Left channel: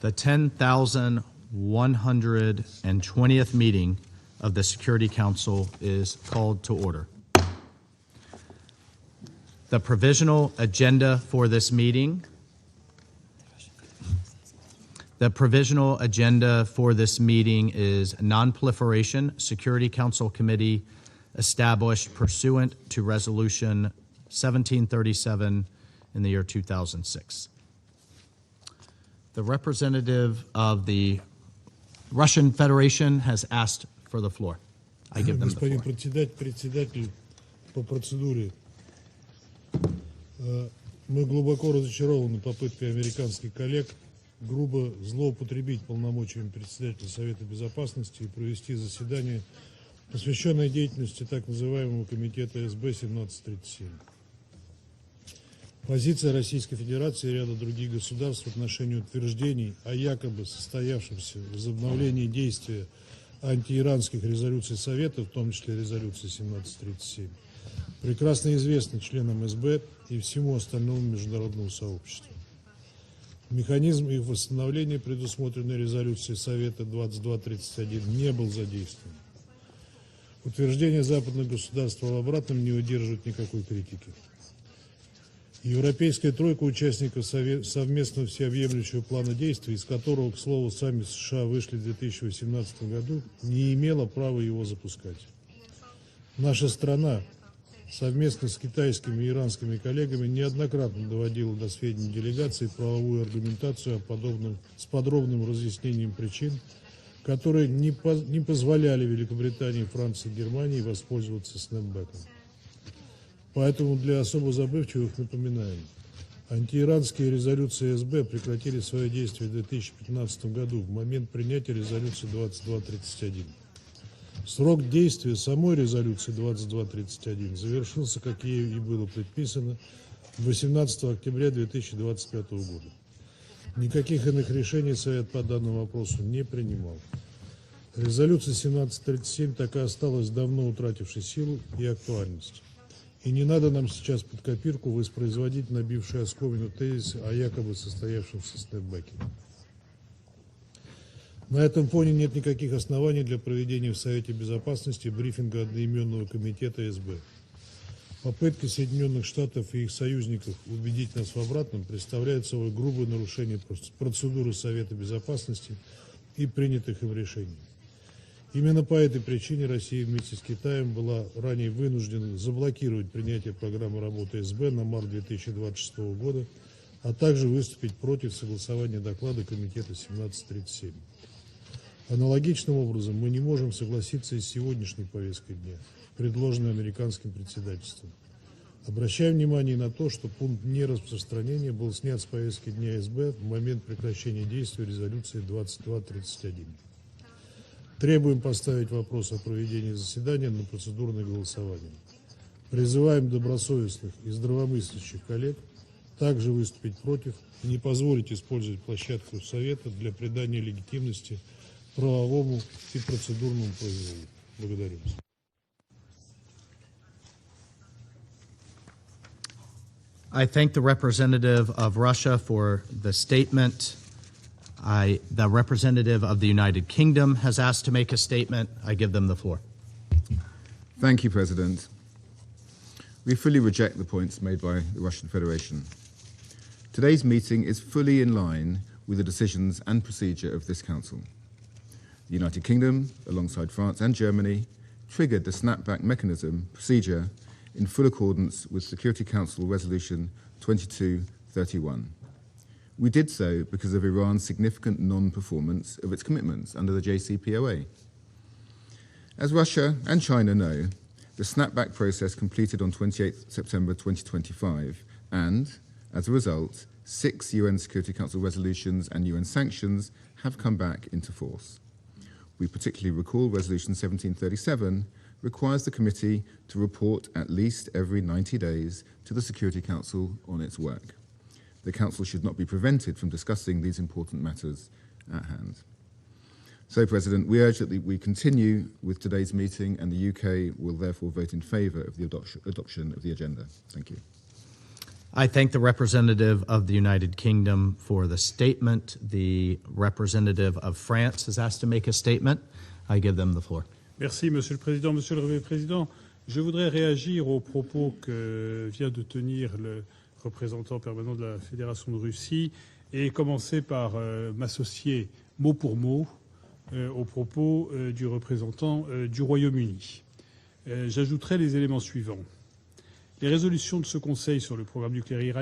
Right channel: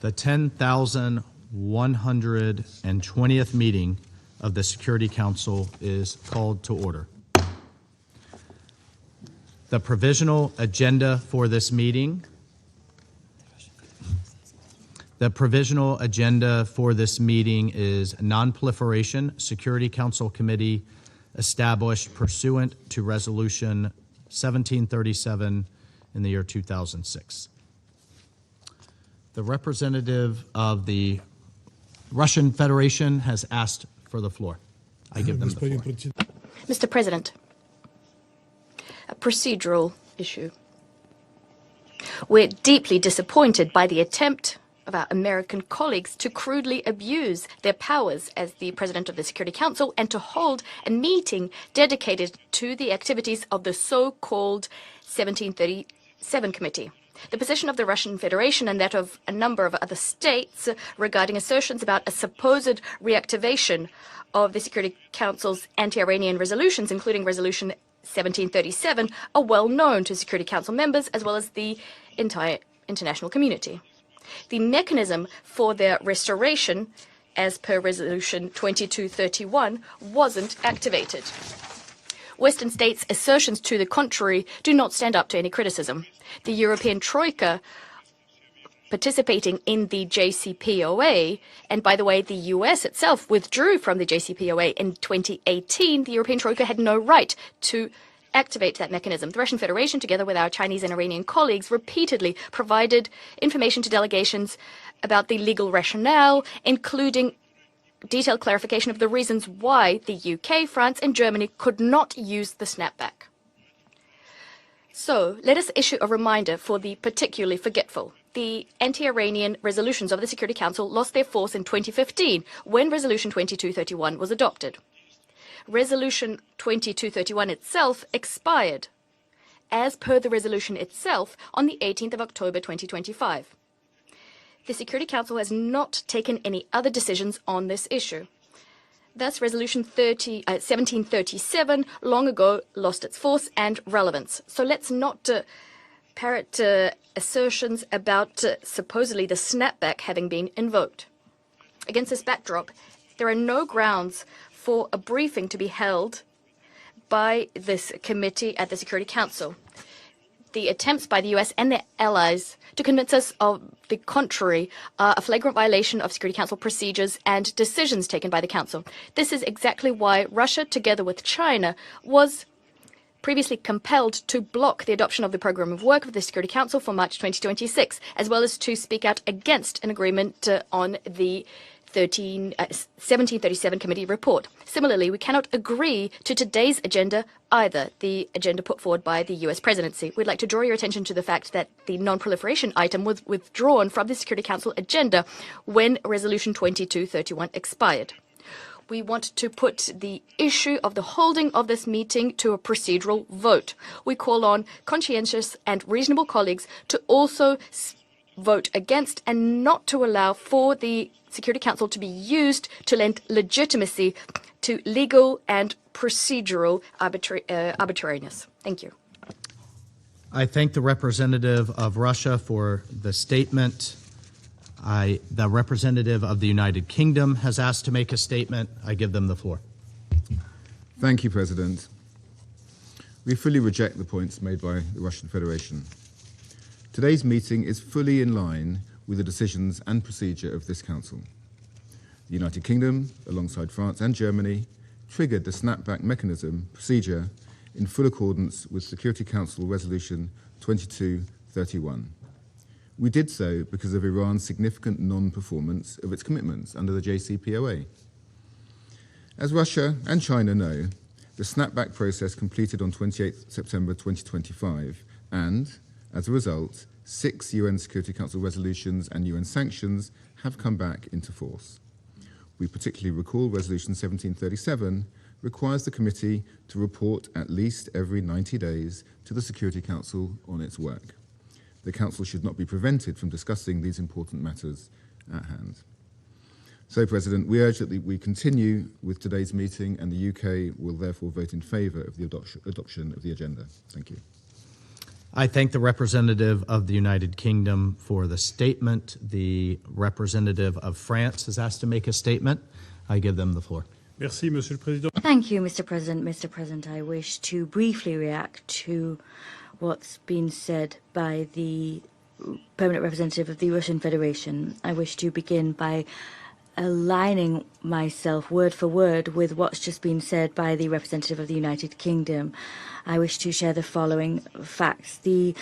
The 10,120th meeting of the Security Council is called to order. The provisional agenda for this meeting. The provisional agenda for this meeting is Non-Proliferation Security Council Committee established pursuant to Resolution 1737 in the year 2006. The representative of the Russian Federation has asked for the floor. I give them the floor. Mr. President, a procedural issue. We're deeply disappointed by the attempt of our American colleagues to crudely abuse their powers as the President of the Security Council and to hold a meeting dedicated to the activities of the so-called 1737 Committee. The position of the Russian Federation and that of a number of other states regarding assertions about a supposed reactivation of the Security Council's anti-Iranian resolutions, including Resolution 1737, are well known to Security Council members as well as the entire international community. The mechanism for their restoration, as per Resolution 2231, wasn't activated. Western states' assertions to the contrary do not stand up to any criticism. The European Troika, participating in the JCPOA, and by the way, the US itself withdrew from the JCPOA in 2018, the European Troika had no right to activate that mechanism. The Russian Federation, together with our Chinese and Iranian colleagues, repeatedly provided information to delegations about the legal rationale, including detailed clarification of the reasons why the UK, France, and Germany could not use the snapback. So, let us issue a reminder for the particularly forgetful. The anti-Iranian resolutions of the Security Council lost their force in 2015, when Resolution 2231 was adopted. Resolution 2231 itself expired, as per the resolution itself, on the 18th of October 2025. The Security Council has not taken any other decisions on this issue. Thus, Resolution 1737 long ago lost its force and relevance. So let's not parrot assertions about supposedly the snapback having been invoked. Against this backdrop, there are no grounds for a briefing to be held by this committee at the Security Council. The attempts by the US and their allies to convince us of the contrary are a flagrant violation of Security Council procedures and decisions taken by the Council. This is exactly why Russia, together with China, was previously compelled to block the adoption of the program of work of the Security Council for March 2026, as well as to speak out against an agreement on the 1737 Committee report. Similarly, we cannot agree to today's agenda either, the agenda put forward by the US presidency. We'd like to draw your attention to the fact that the non-proliferation item was withdrawn from the Security Council agenda when Resolution 2231 expired. We want to put the issue of the holding of this meeting to a procedural vote. We call on conscientious and reasonable colleagues to also vote against and not to allow for the Security Council to be used to lend legitimacy to legal and procedural arbitrariness. Thank you. I thank the representative of Russia for the statement. The representative of the United Kingdom has asked to make a statement. I give them the floor. Thank you, President. We fully reject the points made by the Russian Federation. Today's meeting is fully in line with the decisions and procedure of this Council. The United Kingdom, alongside France and Germany, triggered the snapback mechanism procedure in full accordance with Security Council Resolution 2231. We did so because of Iran's significant non-performance of its commitments under the JCPOA. As Russia and China know, the snapback process completed on 28 September 2025, and, as a result, 6 UN Security Council resolutions and UN sanctions have come back into force. We particularly recall Resolution 1737 requires the committee to report at least every 90 days to the Security Council on its work. The Council should not be prevented from discussing these important matters at hand. So, President, we urge that we continue with today's meeting, and the UK will therefore vote in favour of the adoption of the agenda. Thank you. I thank the representative of the United Kingdom for the statement. The representative of France has asked to make a statement. I give them the floor. Merci, Monsieur le Président. Thank you, Mr. President. Mr. President, I wish to briefly react to what's been said by the permanent representative of the Russian Federation. I wish to begin by aligning myself word for word with what's just been said by the representative of the United Kingdom. I wish to share the following facts. The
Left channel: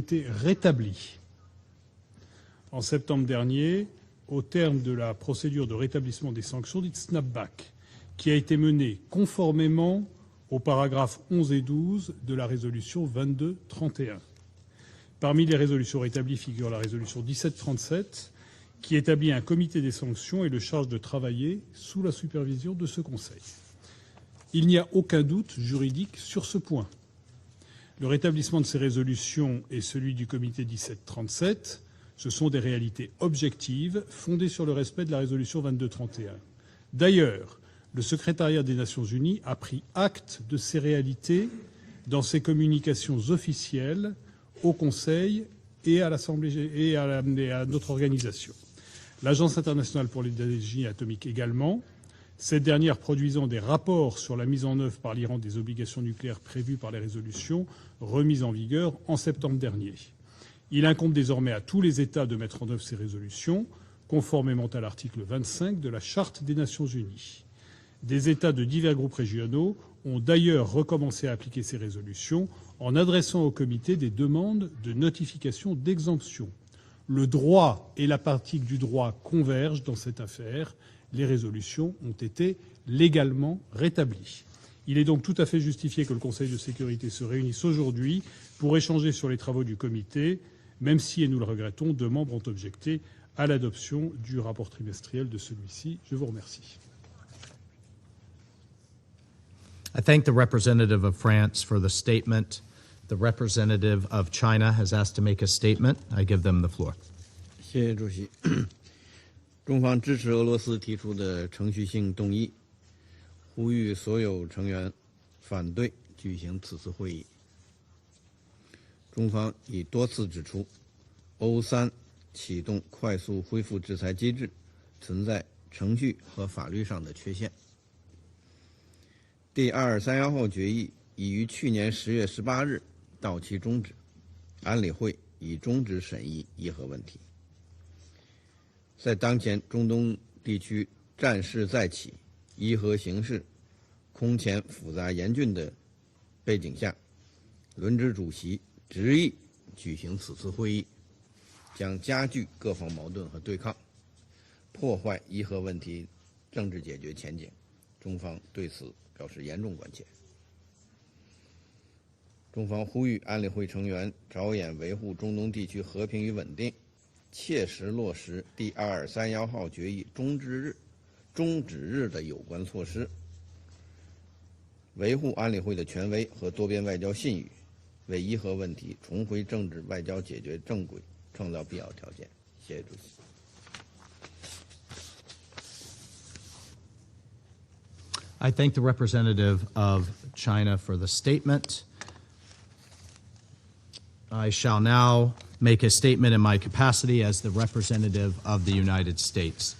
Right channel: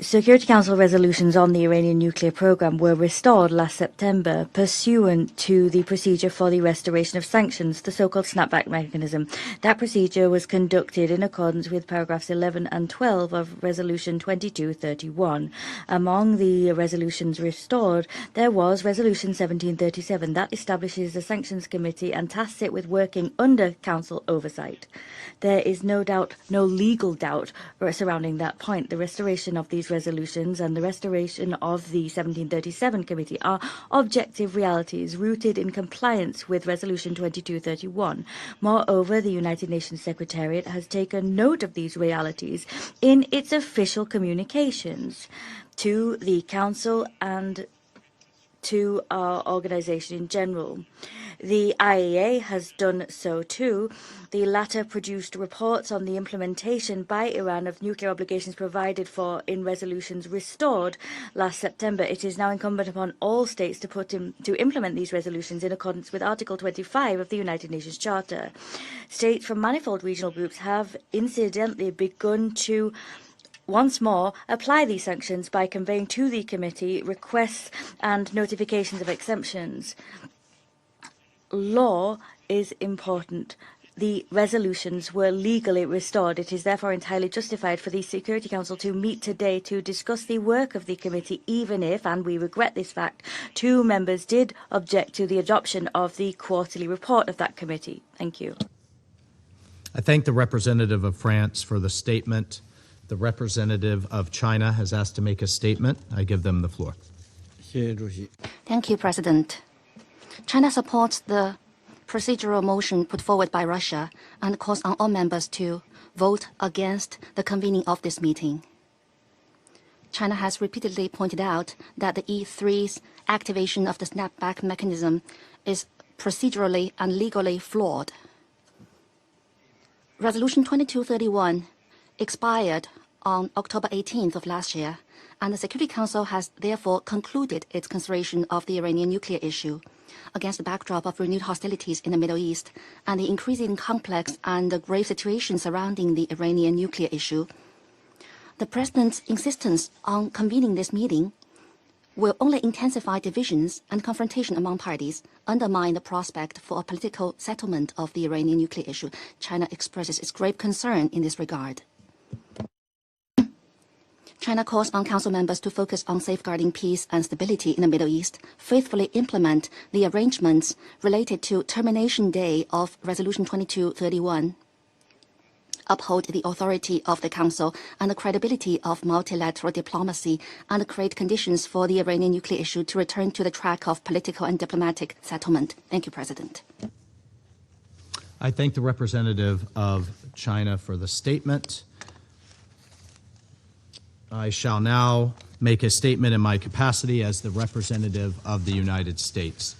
Security Council resolutions on the Iranian nuclear program were restored last September pursuant to the procedure for the restoration of sanctions, the so-called snapback mechanism. That procedure was conducted in accordance with paragraphs 11 and 12 of Resolution 2231. Among the resolutions restored, there was Resolution 1737 that establishes a sanctions committee and tasks it with working under Council oversight. There is no doubt, no legal doubt surrounding that point. The restoration of these resolutions and the restoration of the 1737 committee are objective realities rooted in compliance with Resolution 2231. Moreover, the United Nations Secretariat has taken note of these realities in its official communications to the Council and to our organization in general. The IAEA has done so too. The latter produced reports on the implementation by Iran of nuclear obligations provided for in resolutions restored last September. It is now incumbent upon all states to implement these resolutions in accordance with Article 25 of the United Nations Charter. States from manifold regional groups have incidentally begun to once more apply these sanctions by conveying to the committee requests and notifications of exemptions. Law is important. The resolutions were legally restored. It is therefore entirely justified for the Security Council to meet today to discuss the work of the committee, even if, and we regret this fact, 2 members did object to the adoption of the quarterly report of that committee. Thank you. I thank the representative of France for the statement. The representative of China has asked to make a statement. I give them the floor. Thank you, President. China supports the procedural motion put forward by Russia and calls on all members to vote against the convening of this meeting. China has repeatedly pointed out that the E3's activation of the snapback mechanism is procedurally and legally flawed. Resolution 2231 expired on October 18th of last year, and the Security Council has therefore concluded its consideration of the Iranian nuclear issue. Against the backdrop of renewed hostilities in the Middle East and the increasing complex and the grave situation surrounding the Iranian nuclear issue, the President's insistence on convening this meeting will only intensify divisions and confrontation among parties, undermine the prospect for a political settlement of the Iranian nuclear issue. China expresses its grave concern in this regard. China calls on Council members to focus on safeguarding peace and stability in the Middle East, faithfully implement the arrangements related to termination day of Resolution 2231, uphold the authority of the Council and the credibility of multilateral diplomacy, and create conditions for the Iranian nuclear issue to return to the track of political and diplomatic settlement. Thank you, President. I thank the representative of China for the statement. I shall now make a statement in my capacity as the representative of the United States.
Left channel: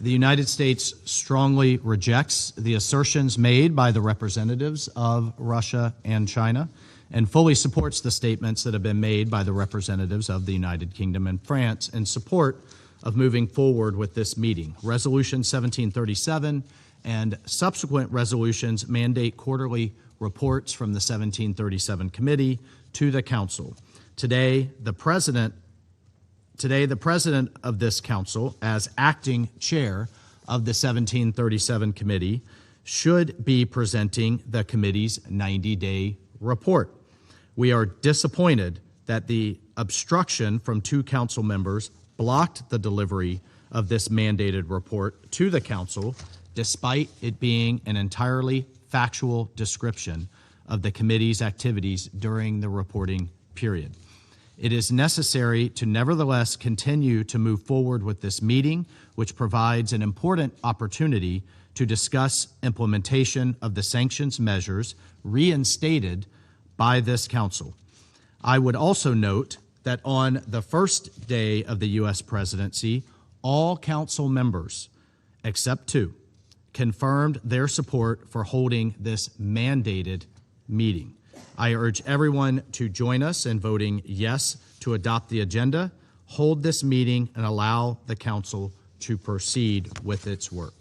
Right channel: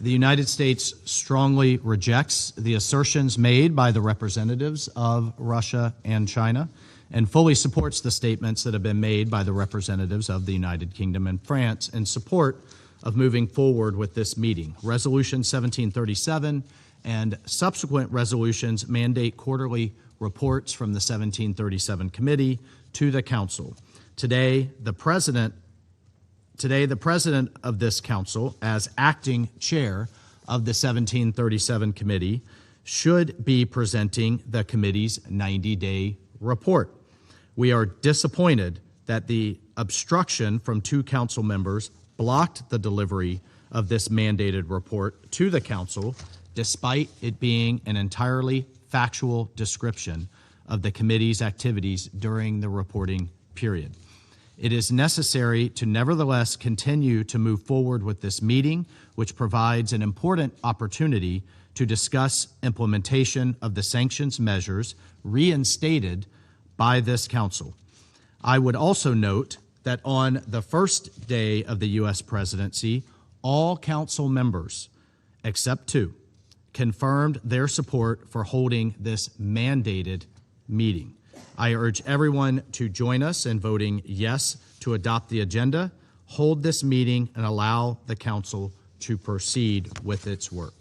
The United States strongly rejects the assertions made by the representatives of Russia and China and fully supports the statements that have been made by the representatives of the United Kingdom and France in support of moving forward with this meeting. Resolution 1737 and subsequent resolutions mandate quarterly reports from the 1737 committee to the Council. Today, the President of this Council, as acting chair of the 1737 committee, should be presenting the committee's 90-day report. We are disappointed that the obstruction from 2 Council members blocked the delivery of this mandated report to the Council, despite it being an entirely factual description of the committee's activities during the reporting period. It is necessary to nevertheless continue to move forward with this meeting, which provides an important opportunity to discuss implementation of the sanctions measures reinstated by this council. I would also note that on the first day of the U.S. presidency, all council members, except 2, confirmed their support for holding this mandated meeting. I urge everyone to join us in voting yes to adopt the agenda, hold this meeting, and allow the council to proceed with its work.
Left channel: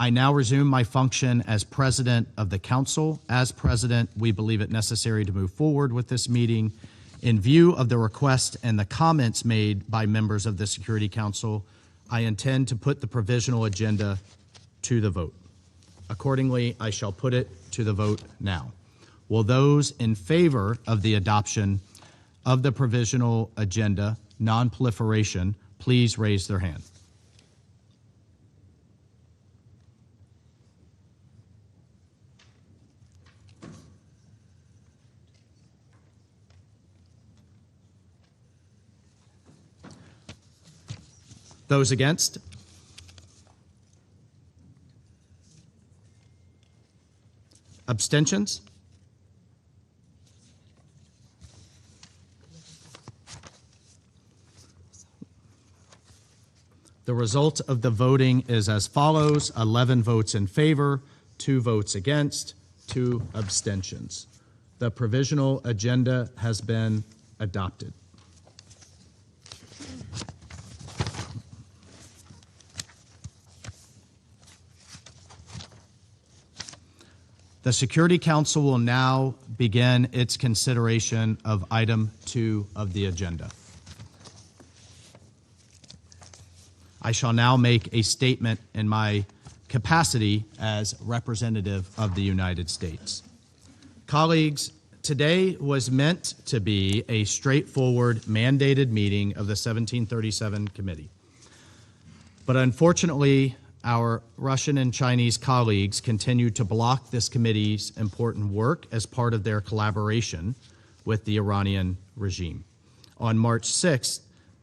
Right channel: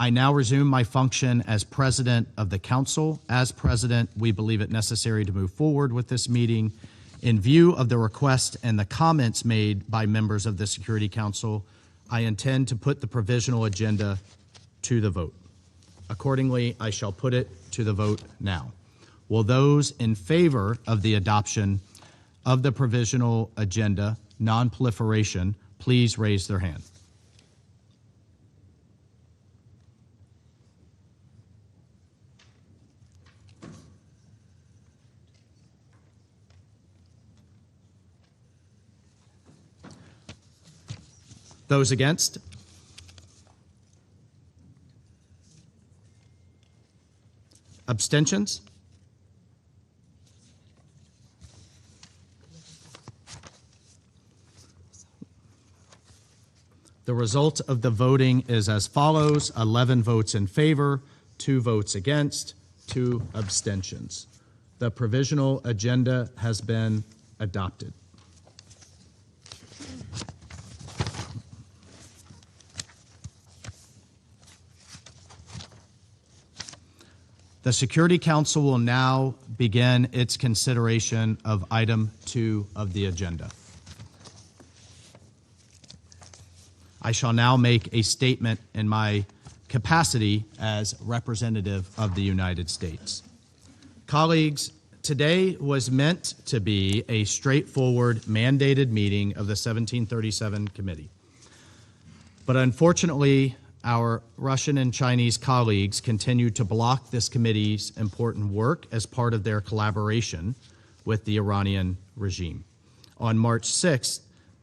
I now resume my function as president of the council. As president, we believe it necessary to move forward with this meeting. In view of the request and the comments made by members of the Security Council, I intend to put the provisional agenda to the vote. Accordingly, I shall put it to the vote now. Will those in favor of the adoption of the provisional agenda, non-proliferation, please raise their hand? Those against? Abstentions? The result of the voting is as follows: 11 votes in favor, 2 votes against, 2 abstentions. The provisional agenda has been adopted. The Security Council will now begin its consideration of item 2 of the agenda. I shall now make a statement in my capacity as representative of the United States. Colleagues, today was meant to be a straightforward mandated meeting of the 1737 Committee. But unfortunately, our Russian and Chinese colleagues continue to block this committee's important work as part of their collaboration with the Iranian regime. On March 6th,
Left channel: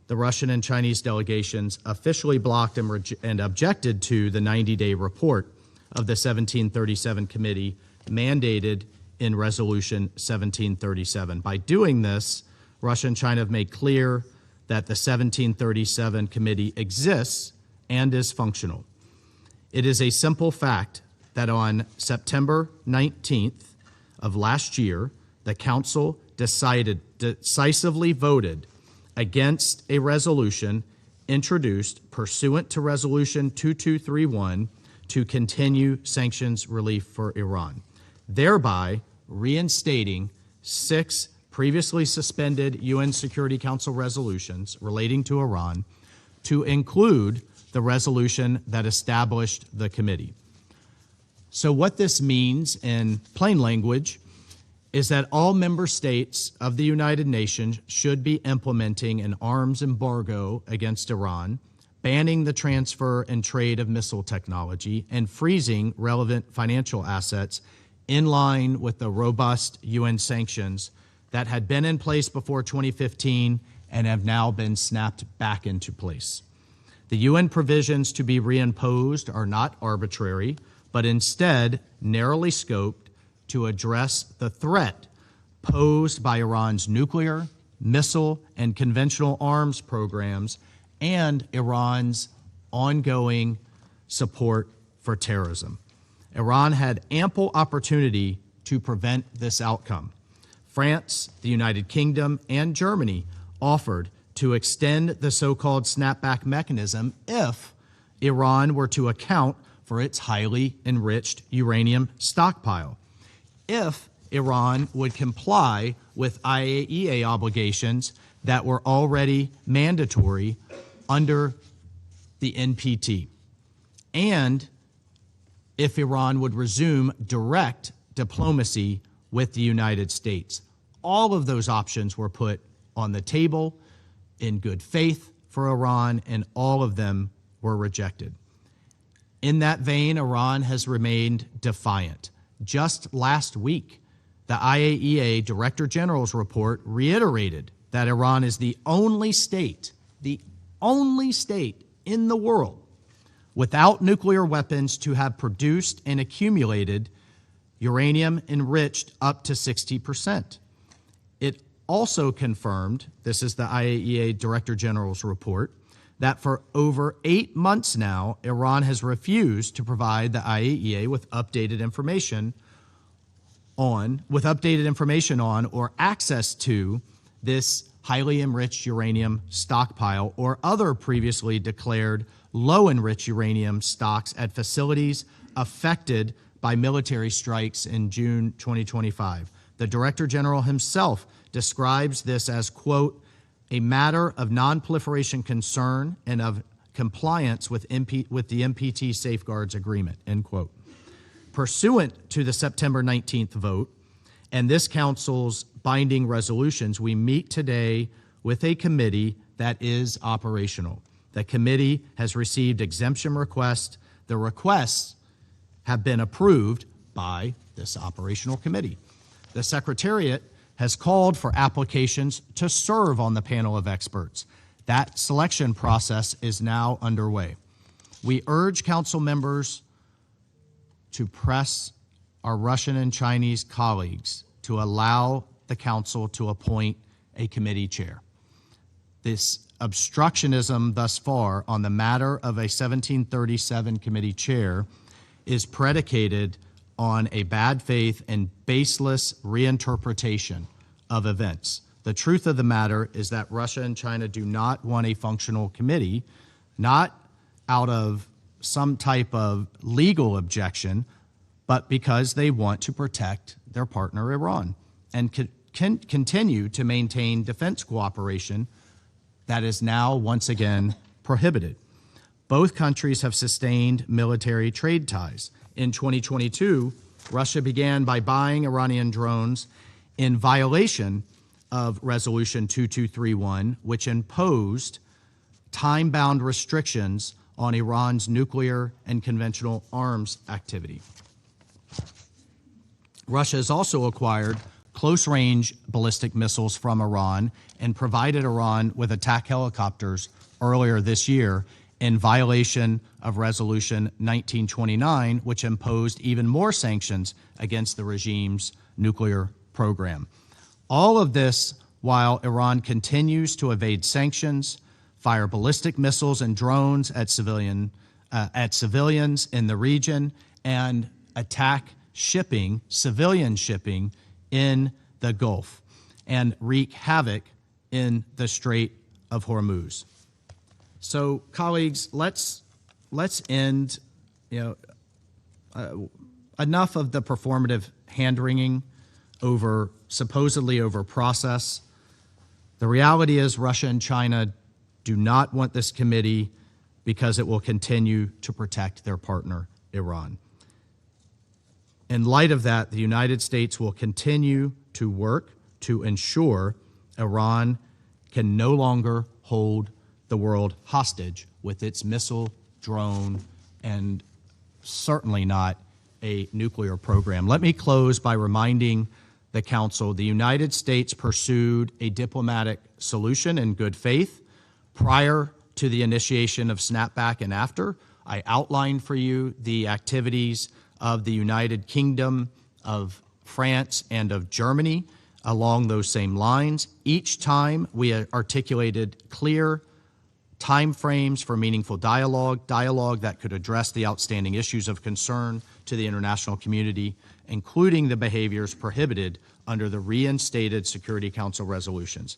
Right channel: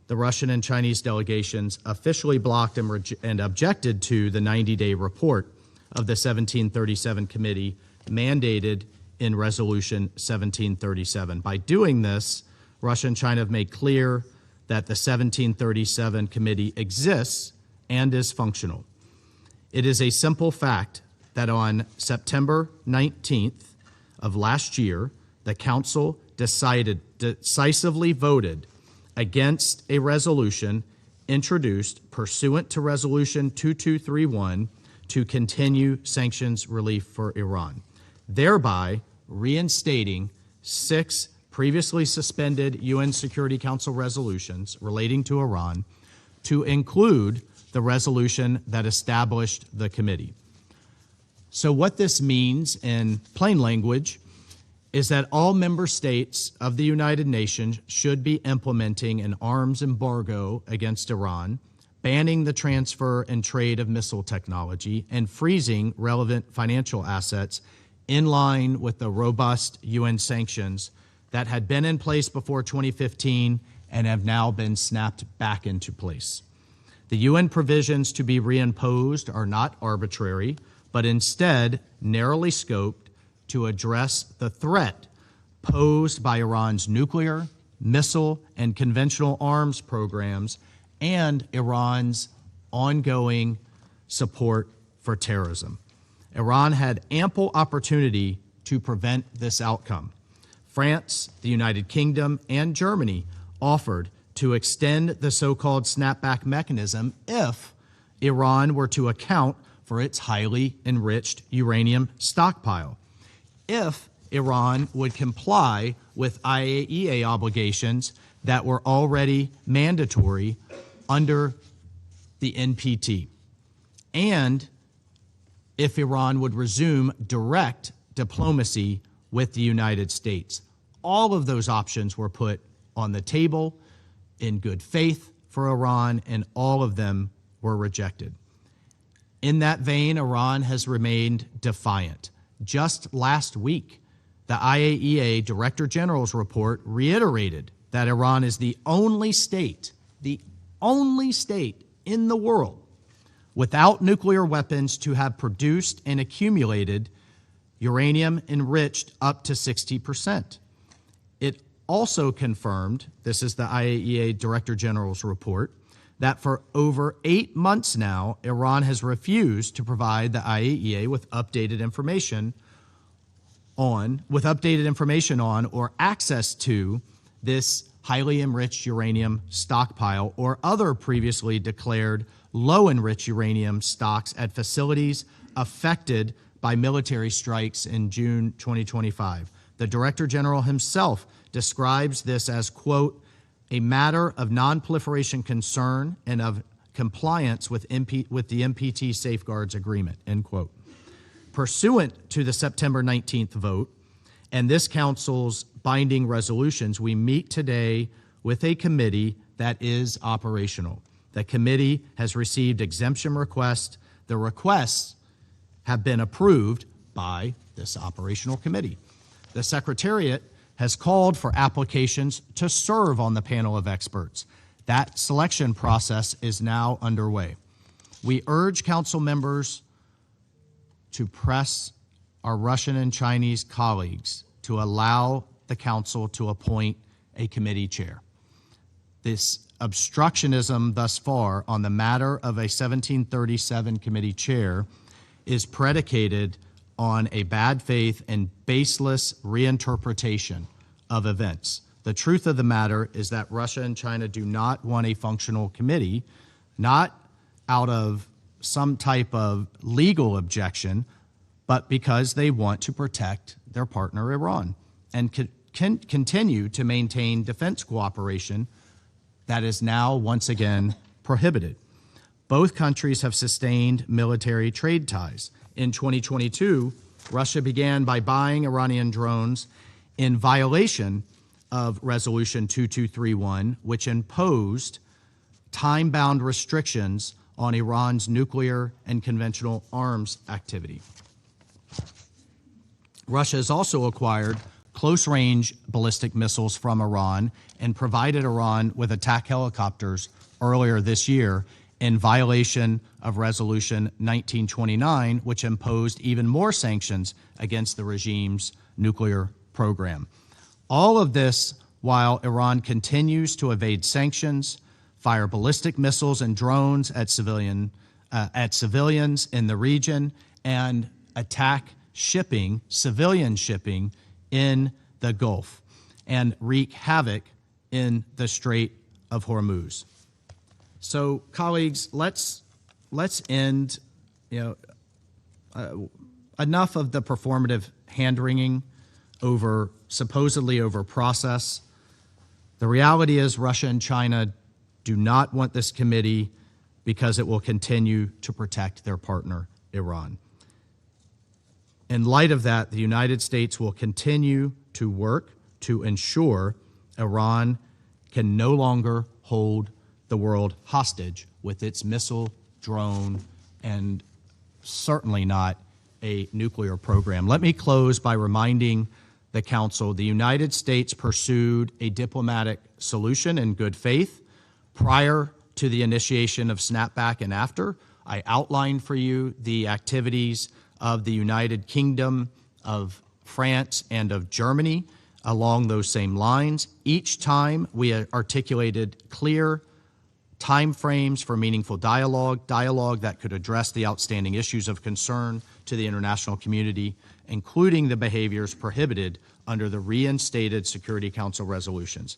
the Russian and Chinese delegations officially blocked and objected to the 90-day report of the 1737 Committee mandated in Resolution 1737. By doing this, Russia and China have made clear that the 1737 Committee exists and is functional. It is a simple fact that on September 19th of last year, the Council decisively voted against a resolution introduced pursuant to Resolution 2231 to continue sanctions relief for Iran, thereby reinstating 6 previously suspended UN Security Council resolutions relating to Iran to include the resolution that established the committee. So what this means in plain language is that all member states of the United Nations should be implementing an arms embargo against Iran, banning the transfer and trade of missile technology, and freezing relevant financial assets in line with the robust UN sanctions that had been in place before 2015 and have now been snapped back into place. The UN provisions to be reimposed are not arbitrary, but instead narrowly scoped to address the threat posed by Iran's nuclear, missile, and conventional arms programs and Iran's ongoing support for terrorism. Iran had ample opportunity to prevent this outcome. France, the United Kingdom, and Germany offered to extend the so-called snapback mechanism if Iran were to account for its highly enriched uranium stockpile, if Iran would comply with IAEA obligations that were already mandatory under the NPT, and if Iran would resume direct diplomacy with the United States. All of those options were put on the table in good faith for Iran, and all of them were rejected. In that vein, Iran has remained defiant. Just last week, the IAEA Director General's report reiterated that Iran is the only state in the world without nuclear weapons to have produced and accumulated uranium enriched up to 60%. It also confirmed, this is the IAEA Director General's report, that for over 8 months now, Iran has refused to provide the IAEA with updated information on or access to this highly enriched uranium stockpile or other previously declared low enriched uranium stocks at facilities affected by military strikes in June 2025. The Director General himself describes this as, quote, a matter of non-proliferation concern and of compliance with the NPT Safeguards Agreement, end quote. Pursuant to the September 19th vote and this Council's binding resolutions, we meet today with a committee that is operational. The committee has received exemption requests. The requests have been approved by this operational committee. The Secretariat has called for applications to serve on the panel of experts. That selection process is now underway. We urge Council members to press our Russian and Chinese colleagues to allow the Council to appoint a committee chair. This obstructionism thus far on the matter of a 1737 committee chair is predicated on a bad faith and baseless reinterpretation of events. The truth of the matter is that Russia and China do not want a functional committee, not out of some type of legal objection, but because they want to protect their partner Iran and can continue to maintain defense cooperation that is now once again prohibited. Both countries have sustained military trade ties. In 2022, Russia began by buying Iranian drones in violation of Resolution 2231, which imposed time-bound restrictions on Iran's nuclear and conventional arms activity. Russia has also acquired close-range ballistic missiles from Iran and provided Iran with attack helicopters earlier this year in violation of Resolution 1929, which imposed even more sanctions against the regime's nuclear program. All of this while Iran continues to evade sanctions, fire ballistic missiles and drones at civilians in the region, and attack civilian shipping in the Gulf, and wreak havoc in the Strait of Hormuz. So, colleagues, let's end. Enough of the performative hand-wringing supposedly over process. The reality is Russia and China do not want this committee because it will continue to protect their partner, Iran. In light of that, the United States will continue to work to ensure Iran can no longer hold the world hostage with its missile, drone, and certainly not a nuclear program. Let me close by reminding the Council the United States pursued a diplomatic solution in good faith prior to the initiation of snapback and after. I outlined for you the activities of the United Kingdom, of France, and of Germany along those same lines. Each time we articulated clear timeframes for meaningful dialogue that could address the outstanding issues of concern to the international community, including the behaviors prohibited under the reinstated Security Council resolutions.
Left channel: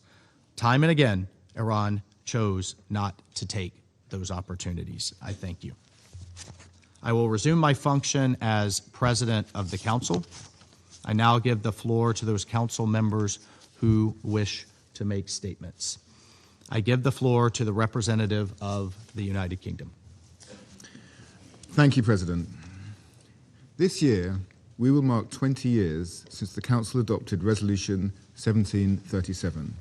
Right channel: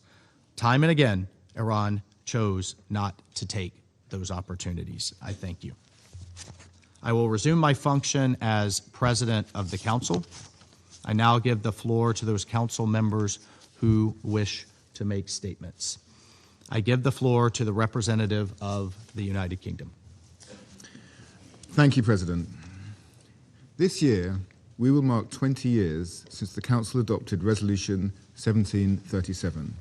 Time and again, Iran chose not to take those opportunities. I thank you. I will resume my function as President of the Council. I now give the floor to those Council members who wish to make statements. I give the floor to the representative of the United Kingdom. Thank you, President. This year, we will mark 20 years since the Council adopted Resolution 1737.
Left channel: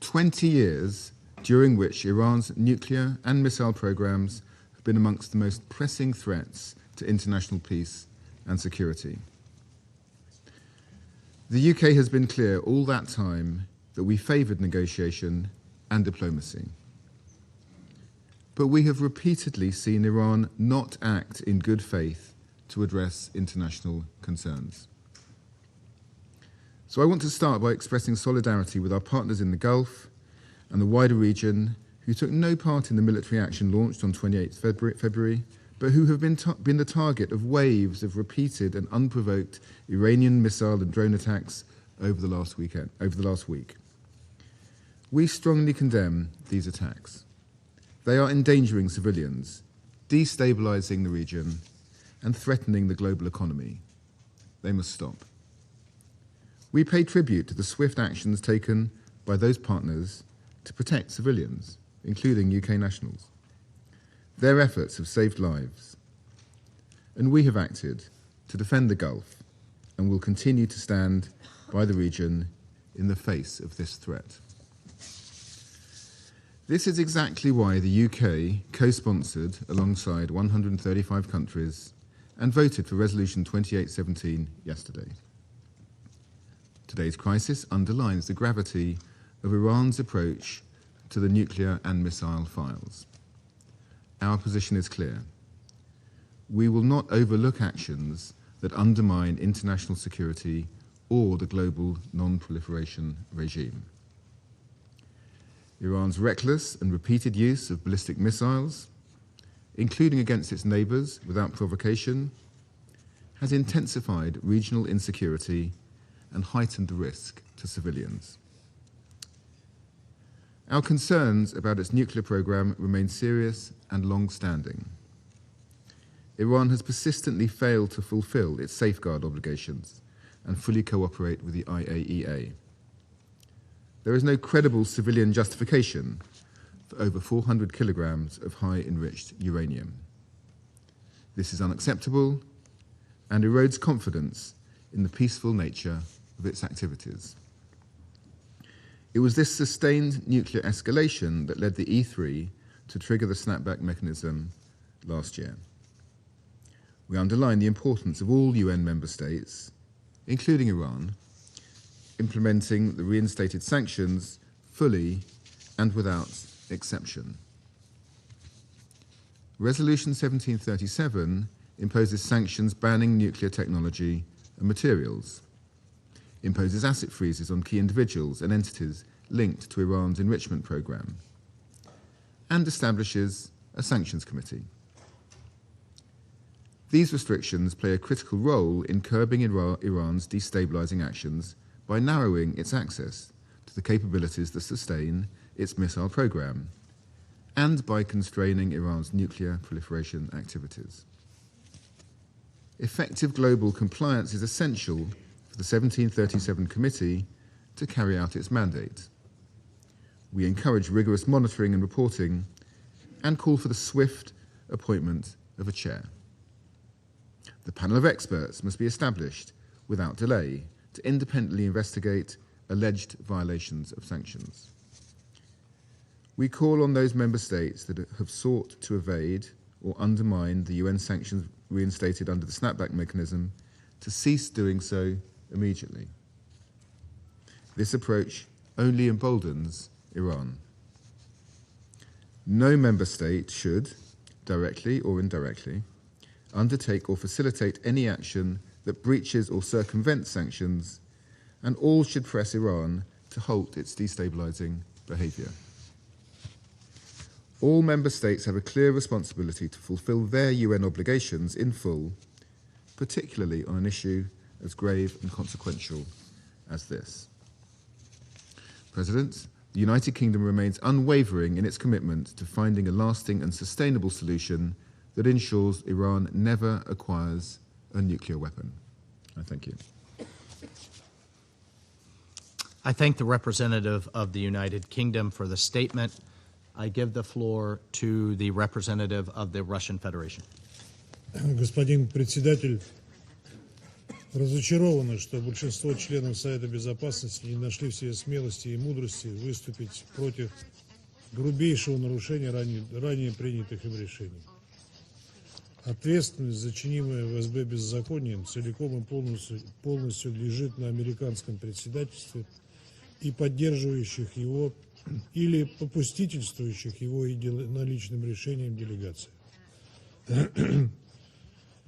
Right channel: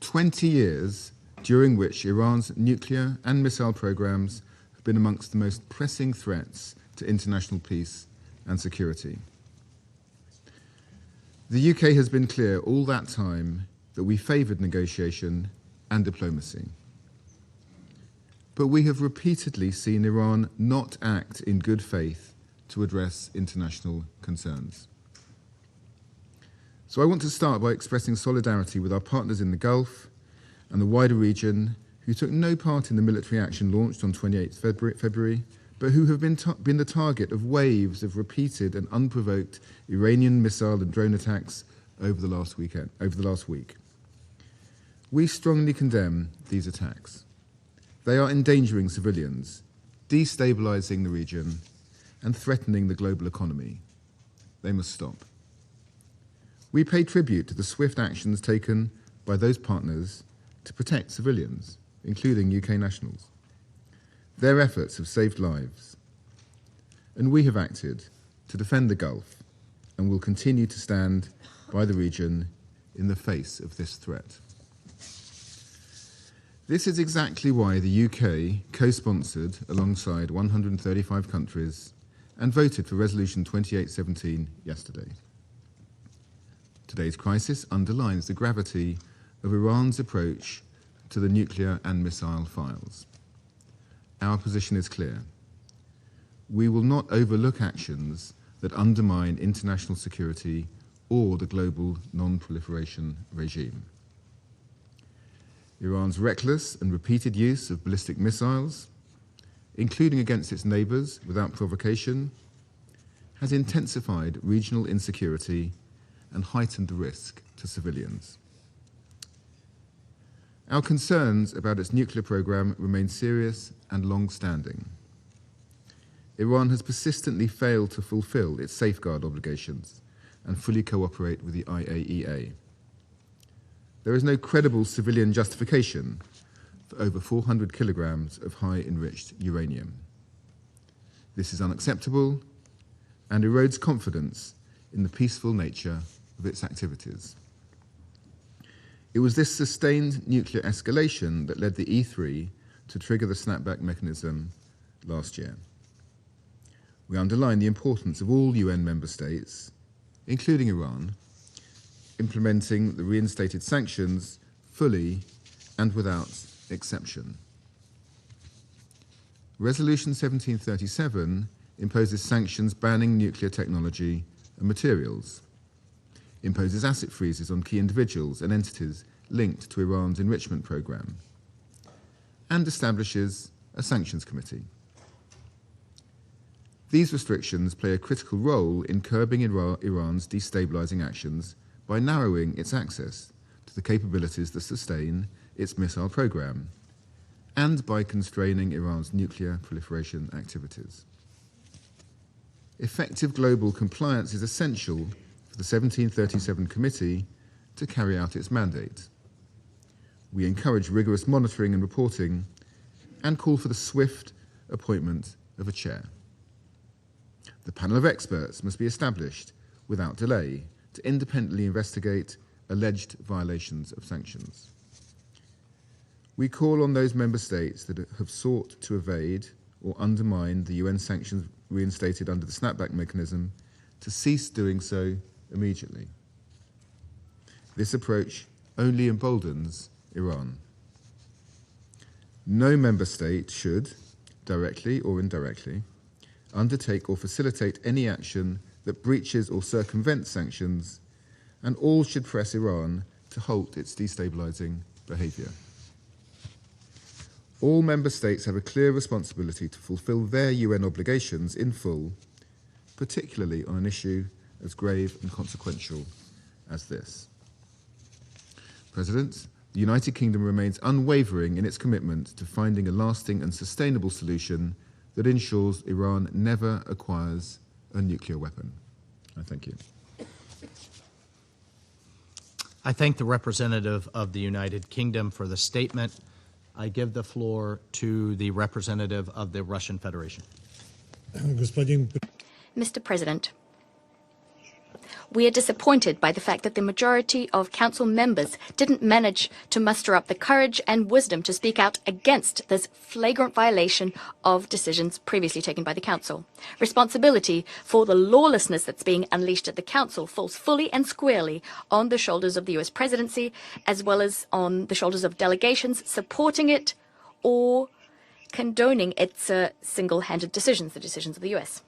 20 years during which Iran's nuclear and missile programs have been amongst the most pressing threats to international peace and security. The UK has been clear all that time that we favoured negotiation and diplomacy. But we have repeatedly seen Iran not act in good faith to address international concerns. So I want to start by expressing solidarity with our partners in the Gulf and the wider region who took no part in the military action launched on 28 February, but who have been the target of waves of repeated and unprovoked Iranian missile and drone attacks over the last week. We strongly condemn these attacks. They are endangering civilians, destabilizing the region, and threatening the global economy. They must stop. We pay tribute to the swift actions taken by those partners to protect civilians, including UK nationals. Their efforts have saved lives, and we have acted to defend the Gulf and will continue to stand by the region in the face of this threat. This is exactly why the UK co-sponsored alongside 135 countries and voted for Resolution 2817 yesterday. Today's crisis underlines the gravity of Iran's approach to the nuclear and missile files. Our position is clear. We will not overlook actions that undermine international security or the global non-proliferation regime. Iran's reckless and repeated use of ballistic missiles, including against its neighbours without provocation, has intensified regional insecurity and heightened the risk to civilians. Our concerns about its nuclear program remain serious and long-standing. Iran has persistently failed to fulfill its safeguard obligations and fully cooperate with the IAEA. There is no credible civilian justification for over 400 kilograms of high-enriched uranium. This is unacceptable and erodes confidence in the peaceful nature of its activities. It was this sustained nuclear escalation that led the E3 to trigger the snapback mechanism last year. We underline the importance of all UN member states, including Iran, implementing the reinstated sanctions fully and without exception. Resolution 1737 imposes sanctions banning nuclear technology and materials, imposes asset freezes on key individuals and entities linked to Iran's enrichment program, and establishes a sanctions committee. These restrictions play a critical role in curbing Iran's destabilizing actions by narrowing its access to the capabilities that sustain its missile program, and by constraining Iran's nuclear proliferation activities. Effective global compliance is essential for the 1737 Committee to carry out its mandate. We encourage rigorous monitoring and reporting and call for the swift appointment of a chair. The panel of experts must be established without delay to independently investigate alleged violations of sanctions. We call on those member states that have sought to evade or undermine the UN sanctions reinstated under the snapback mechanism to cease doing so immediately. This approach only emboldens Iran. No member state should, directly or indirectly, undertake or facilitate any action that breaches or circumvents sanctions, and all should press Iran to halt its destabilizing behavior. All member states have a clear responsibility to fulfill their UN obligations in full, particularly on an issue as grave and consequential as this. President, the United Kingdom remains unwavering in its commitment to finding a lasting and sustainable solution that ensures Iran never acquires a nuclear weapon. I thank you. I thank the representative of the United Kingdom for the statement. I give the floor to the representative of the Russian Federation. Mr. President, we are disappointed by the fact that the majority of Council members didn't manage to muster up the courage and wisdom to speak out against this flagrant violation of decisions previously taken by the Council. Responsibility for the lawlessness that's being unleashed at the Council falls fully and squarely on the shoulders of the US presidency, as well as on the shoulders of delegations supporting it or condoning its single-handed decisions, the decisions of the US.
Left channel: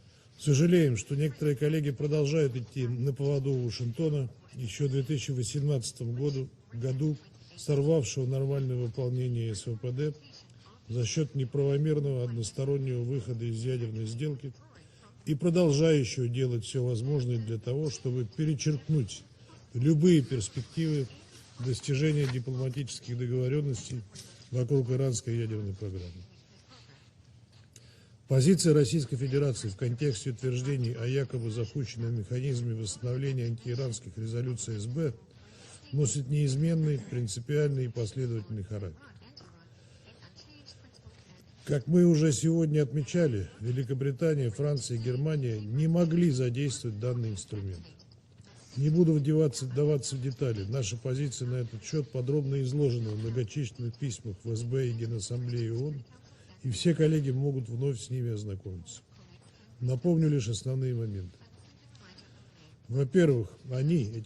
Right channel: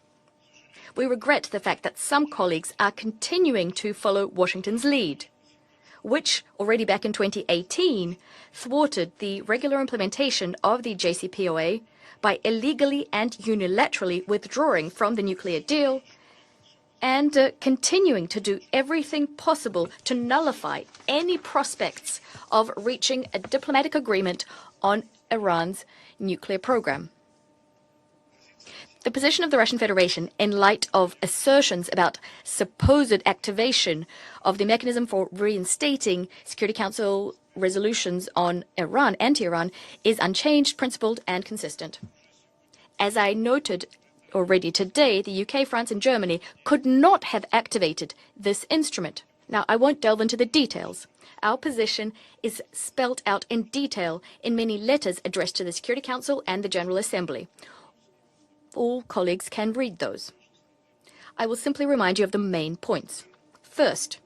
We regret the fact that some colleagues are continuing to follow Washington's lead, which already back in 2018 thwarted the regular implementation of the JCPOA by illegally and unilaterally withdrawing from the nuclear deal and continuing to do everything possible to nullify any prospects of reaching a diplomatic agreement on Iran's nuclear program. The position of the Russian Federation, in light of assertions about supposed activation of the mechanism for reinstating Security Council resolutions on Iran, anti-Iran, is unchanged, principled, and consistent. As I noted already today, the UK, France, and Germany could not have activated this instrument. Now, I won't delve into the details. Our position is spelled out in detail in many letters addressed to the Security Council and the General Assembly. All colleagues can read those. I will simply remind you of the main points. First,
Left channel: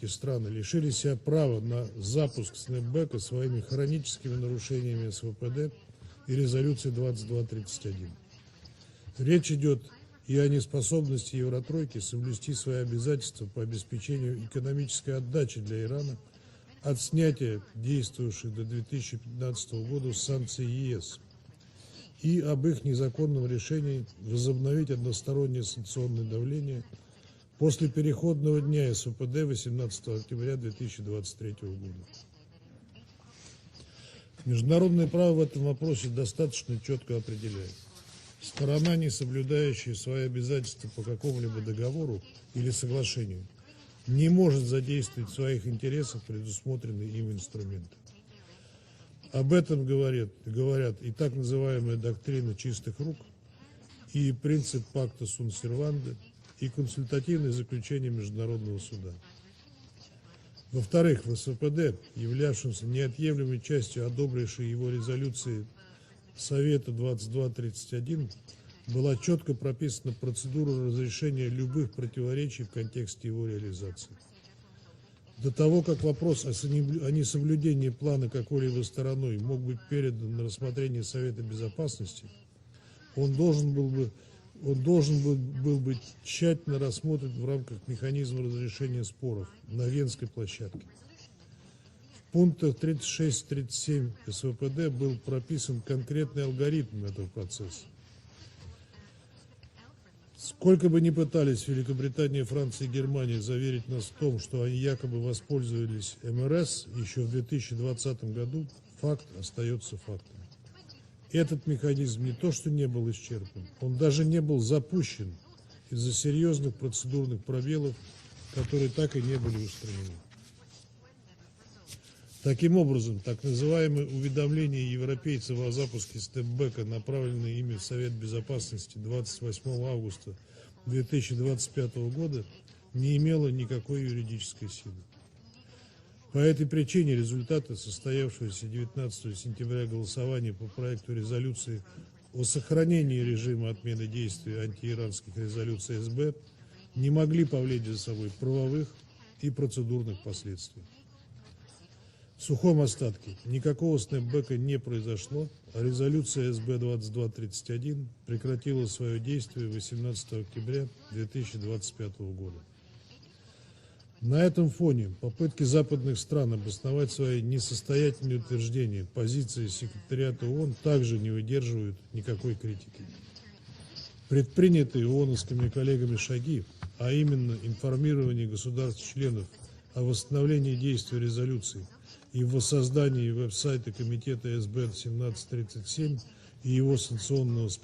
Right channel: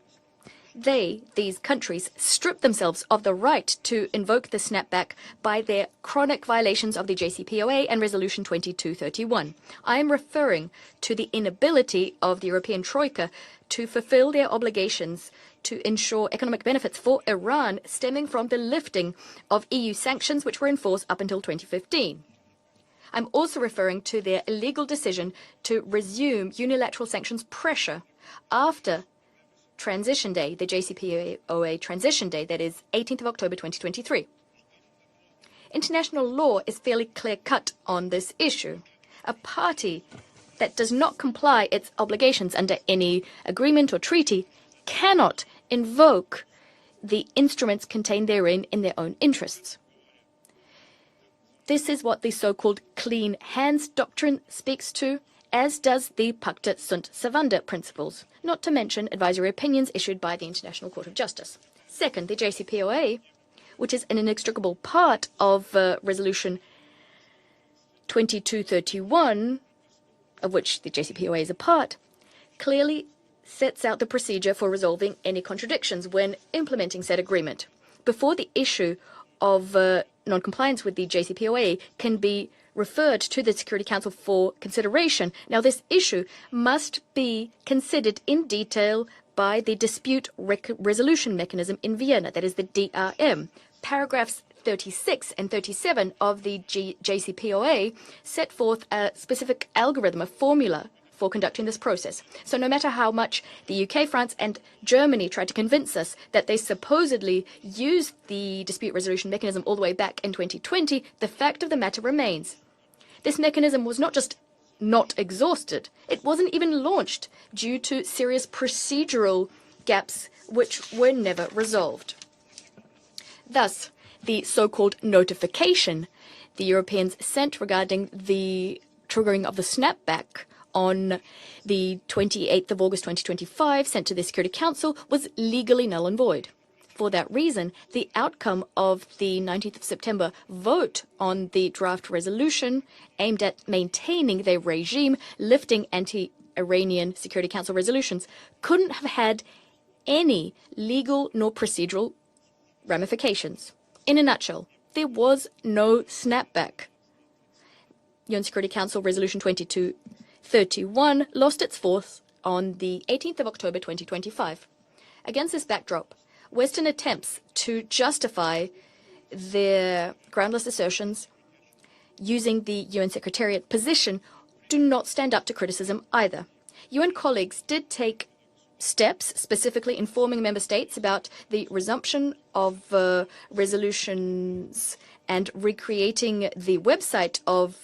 these countries strip themselves of the right to invoke the snapback by their chronic violations of the JCPOA and Resolution 2231. I am referring to the inability of the European Troika to fulfill their obligations to ensure economic benefits for Iran stemming from the lifting of EU sanctions which were in force up until 2015. I'm also referring to their illegal decision to resume unilateral sanctions pressure after Transition Day, the JCPOA Transition Day, that is 18th of October 2023. International law is fairly clear-cut on this issue. A party that does not comply its obligations under any agreement or treaty cannot invoke the instruments contained therein in their own interests. This is what the so-called clean hands doctrine speaks to, as does the Pacta sunt servanda principles, not to mention advisory opinions issued by the International Court of Justice. Second, the JCPOA, which is an inextricable part of Resolution 2231, of which the JCPOA is a part, clearly sets out the procedure for resolving any contradictions when implementing said agreement. Before the issue of non-compliance with the JCPOA can be referred to the Security Council for consideration. Now, this issue must be considered in detail by the Dispute Resolution Mechanism in Vienna, that is the DRM. Paragraphs 36 and 37 of the JCPOA set forth a specific algorithm, a formula for conducting this process. So no matter how much the UK, France, and Germany tried to convince us that they supposedly used the Dispute Resolution Mechanism all the way back in 2020, the fact of the matter remains. This mechanism was not just not exhausted, it wasn't even launched due to serious procedural gaps which were never resolved. Thus, the so-called notification the Europeans sent regarding the triggering of the snapback on the 28th of August 2025 sent to the Security Council was legally null and void. For that reason, the outcome of the 19th of September vote on the draft resolution aimed at maintaining their regime, lifting anti-Iranian Security Council resolutions, couldn't have had any legal nor procedural ramifications. In a nutshell, there was no snapback. UN Security Council Resolution 2231 lost its force on the 18th of October 2025. Against this backdrop, Western attempts to justify their groundless assertions using the UN Secretariat position do not stand up to criticism either. UN colleagues did take steps, specifically informing member states about the resumption of resolutions and recreating the website of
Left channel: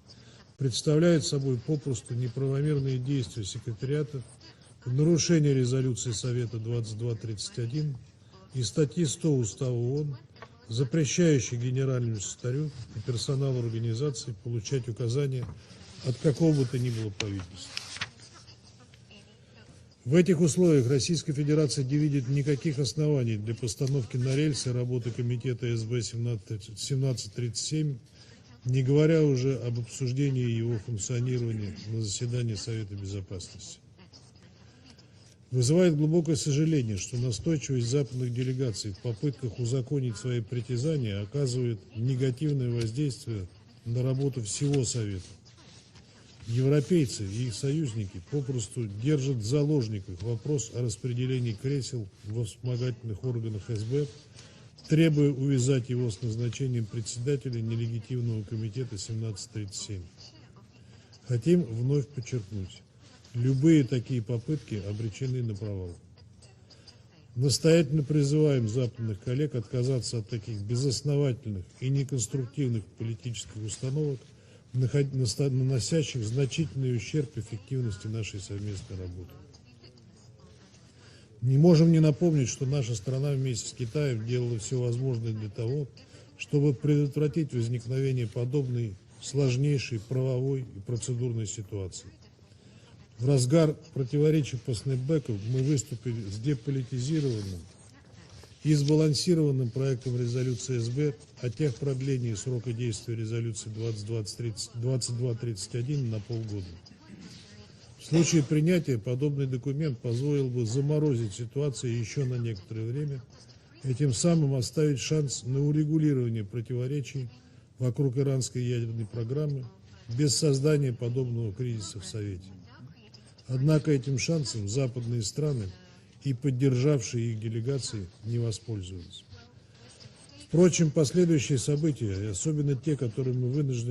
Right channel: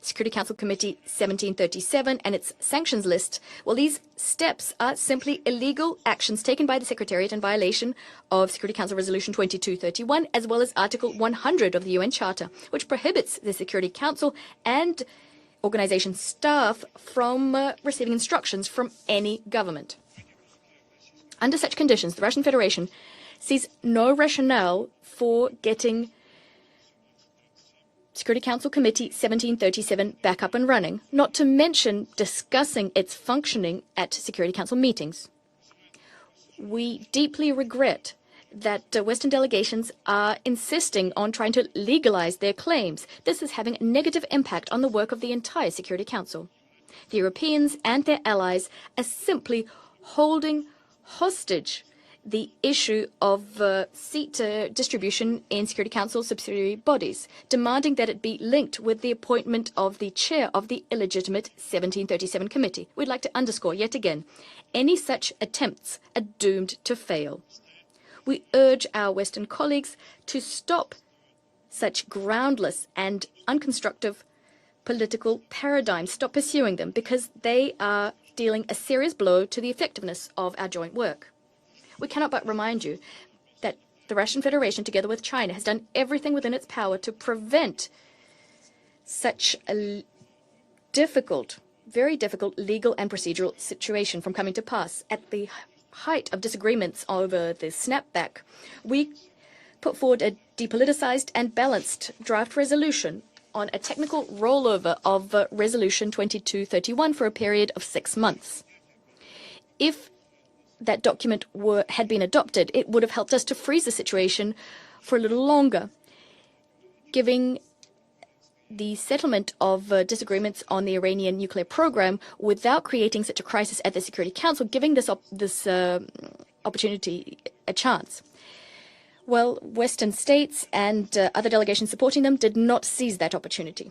Security Council Committee 1737 and its sanctions list. Well, these steps are simply illegal actions taken by the Secretariat in violation of Security Council Resolution 2231, as well as Article 100 of the UN Charter, which prohibits the Security Council and organization staff from receiving instructions from any government. Under such conditions, the Russian Federation sees no rationale for getting Security Council Committee 1737 back up and running, not to mention discussing its functioning at Security Council meetings. We deeply regret that Western delegations are insisting on trying to legalize their claims. This is having a negative impact on the work of the entire Security Council. The Europeans and their allies are simply holding hostage the issue of seat distribution in Security Council subsidiary bodies, demanding that it be linked with the appointment of the chair of the illegitimate 1737 committee. We'd like to underscore yet again, any such attempts are doomed to fail. We urge our Western colleagues to stop such groundless and unconstructive political paradigms, stop pursuing them, because they are dealing a serious blow to the effectiveness of our joint work. We cannot but remind you that the Russian Federation, together with China, has done everything within its power to prevent such a difficult, very difficult legal and procedural situation from coming to pass. At the height of disagreements over the snapback, we put forward a depoliticized and balanced draft resolution on a technical rollover of Resolution 2231 for a period of 6 months. If that document had been adopted, it would have helped us to freeze the situation for a little longer, giving the settlement of disagreements on the Iranian nuclear program without creating such a crisis at the Security Council, giving this opportunity a chance. Well, Western states and other delegations supporting them did not seize that opportunity.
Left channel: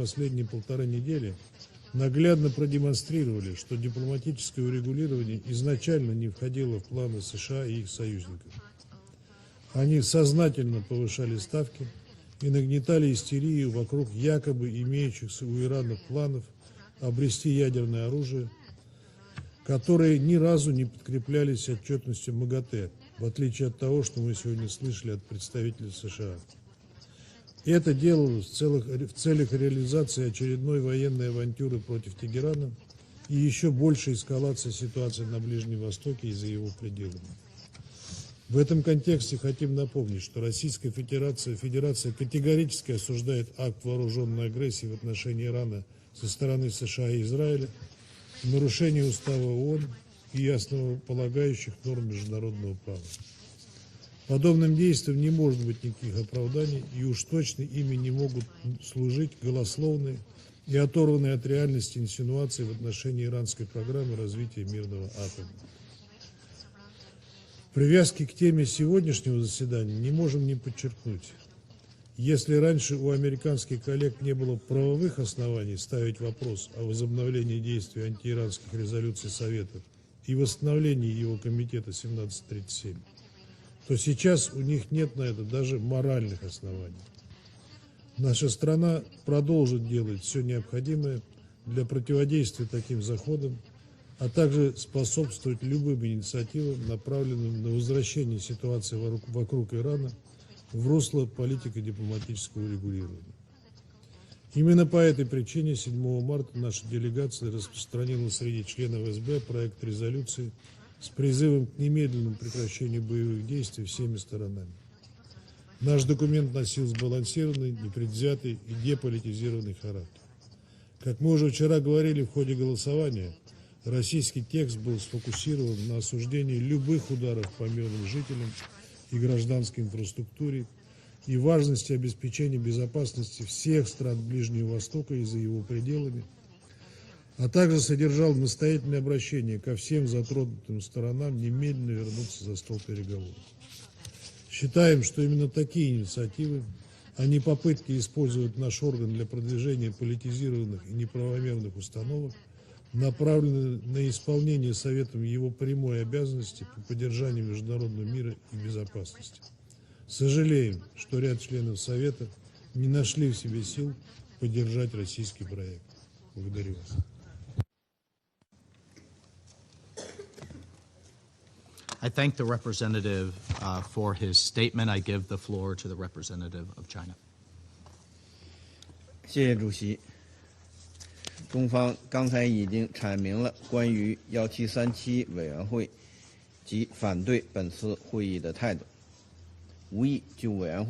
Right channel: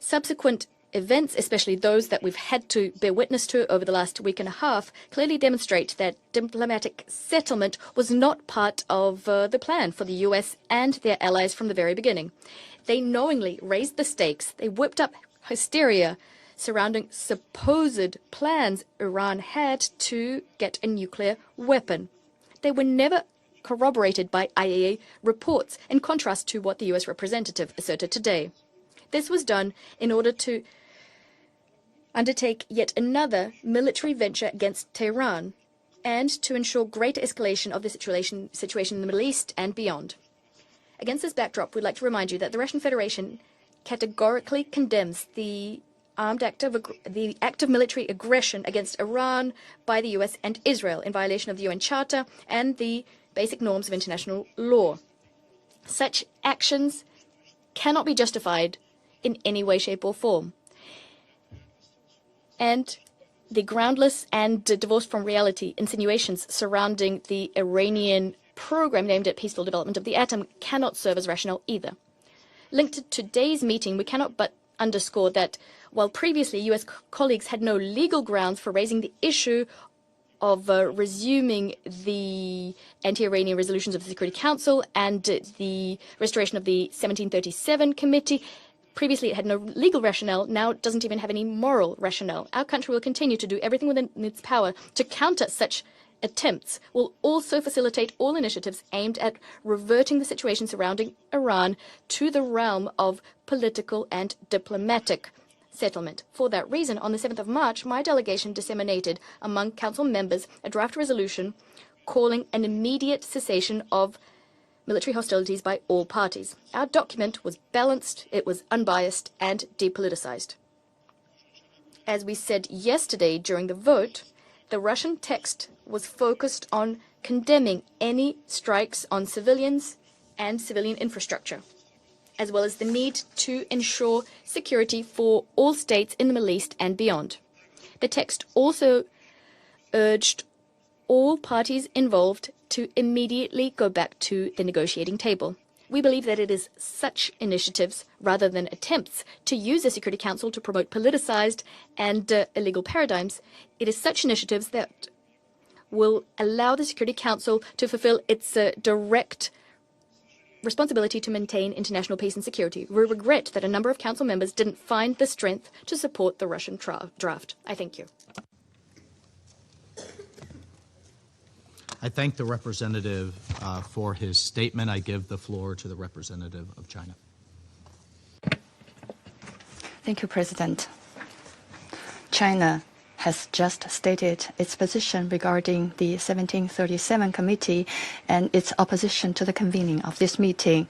Subsequent events, especially those that we've had to bear witness to over the last week and a half, clearly demonstrate that diplomatic settlement was not part of the plan for the US and their allies from the very beginning. They knowingly raised the stakes. They whipped up hysteria surrounding supposed plans Iran had to get a nuclear weapon. They were never corroborated by IAEA reports, in contrast to what the US representative asserted today. This was done in order to undertake yet another military venture against Tehran and to ensure greater escalation of the situation in the Middle East and beyond. Against this backdrop, we'd like to remind you that the Russian Federation categorically condemns the act of military aggression against Iran by the US and Israel in violation of the UN Charter and the basic norms of international law. Such actions cannot be justified in any way, shape, or form. And the groundless and divorced from reality insinuations surrounding the Iranian program aimed at peaceful development of the atom cannot serve as rationale either. Linked to today's meeting, we cannot but underscore that while previously US colleagues had no legal grounds for raising the issue of resuming the anti-Iranian resolutions of the Security Council and the restoration of the 1737 committee. Previously, it had no legal rationale. Now it doesn't even have any moral rationale. Our country will continue to do everything within its power to counter such attempts. We'll also facilitate all initiatives aimed at reverting the situation surrounding Iran to the realm of political and diplomatic settlement. For that reason, on the 7th of March, my delegation disseminated among Council members a draft resolution calling an immediate cessation of military hostilities by all parties. Our document was balanced, it was unbiased, and depoliticized. As we said yesterday during the vote, the Russian text was focused on condemning any strikes on civilians and civilian infrastructure, as well as the need to ensure security for all states in the Middle East and beyond. The text also urged all parties involved to immediately go back to the negotiating table. We believe that it is such initiatives, rather than attempts to use the Security Council to promote politicized and illegal paradigms, it is such initiatives that will allow the Security Council to fulfill its direct responsibility to maintain international peace and security. We regret that a number of Council members didn't find the strength to support the Russian draft. I thank you. I thank the representative for his statement. I give the floor to the representative of China. Thank you, President. China has just stated its position regarding the 1737 committee and its opposition to the convening of this meeting.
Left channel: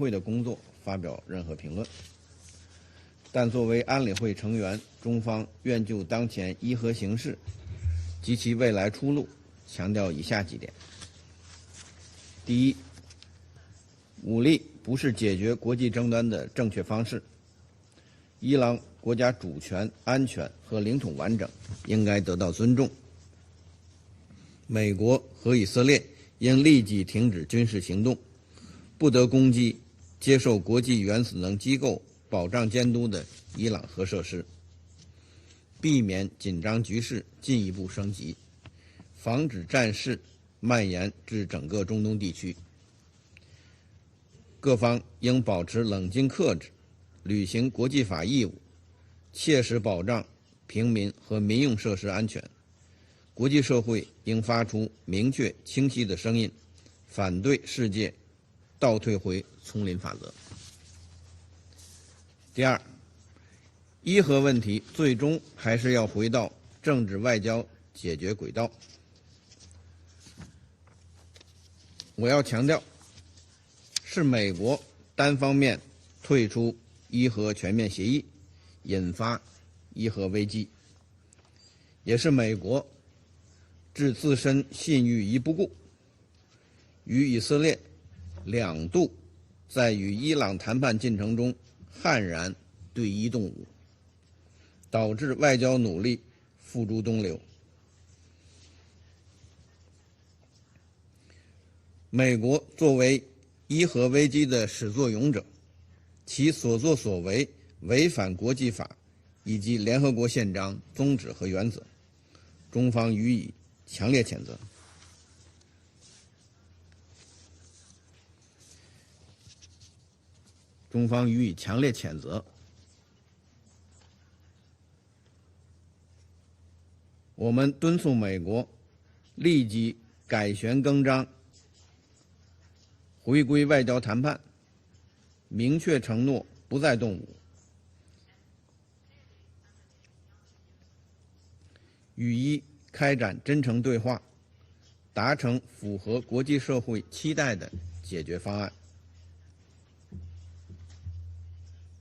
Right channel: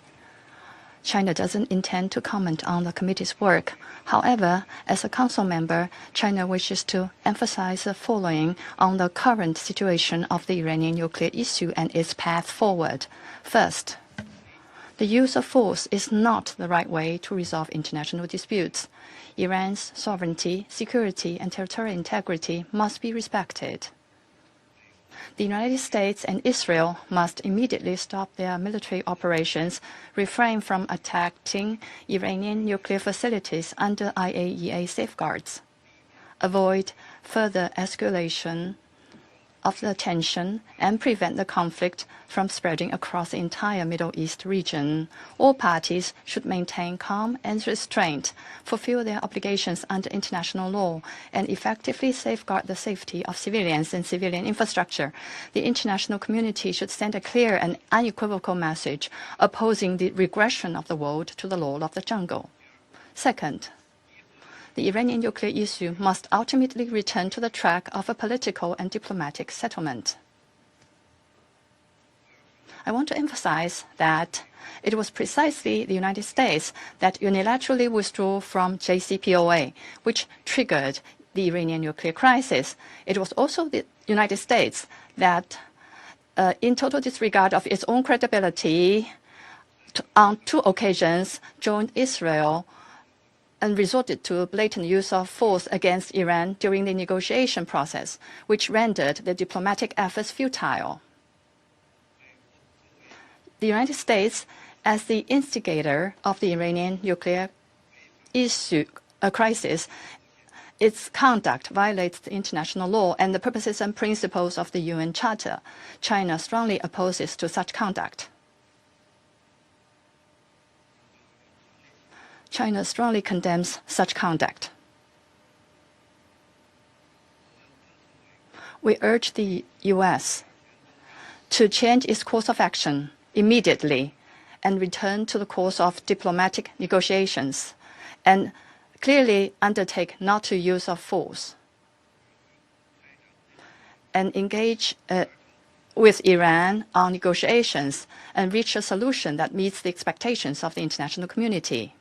China doesn't intend to comment on the committee's work. However, as a Council member, China wishes to emphasize the following on the current situation of the Iranian nuclear issue and its path forward. First, the use of force is not the right way to resolve international disputes. Iran's sovereignty, security, and territorial integrity must be respected. The United States and Israel must immediately stop their military operations, refrain from attacking Iranian nuclear facilities under IAEA safeguards, avoid further escalation of the tension, and prevent the conflict from spreading across the entire Middle East region. All parties should maintain calm and restraint, fulfill their obligations under international law, and effectively safeguard the safety of civilians and civilian infrastructure. The international community should send a clear and unequivocal message opposing the regression of the world to the law of the jungle. Second, the Iranian nuclear issue must ultimately return to the track of a political and diplomatic settlement. I want to emphasize that it was precisely the United States that unilaterally withdrew from JCPOA, which triggered the Iranian nuclear crisis. It was also the United States that, in total disregard of its own credibility, on 2 occasions joined Israel and resorted to blatant use of force against Iran during the negotiation process, which rendered the diplomatic efforts futile. The United States, as the instigator of the Iranian nuclear crisis, its conduct violates the international law and the purposes and principles of the UN Charter. China strongly opposes to such conduct. China strongly condemns such conduct. We urge the U.S. to change its course of action immediately and return to the course of diplomatic negotiations and clearly undertake not to use of force and engage with Iran on negotiations and reach a solution that meets the expectations of the international community.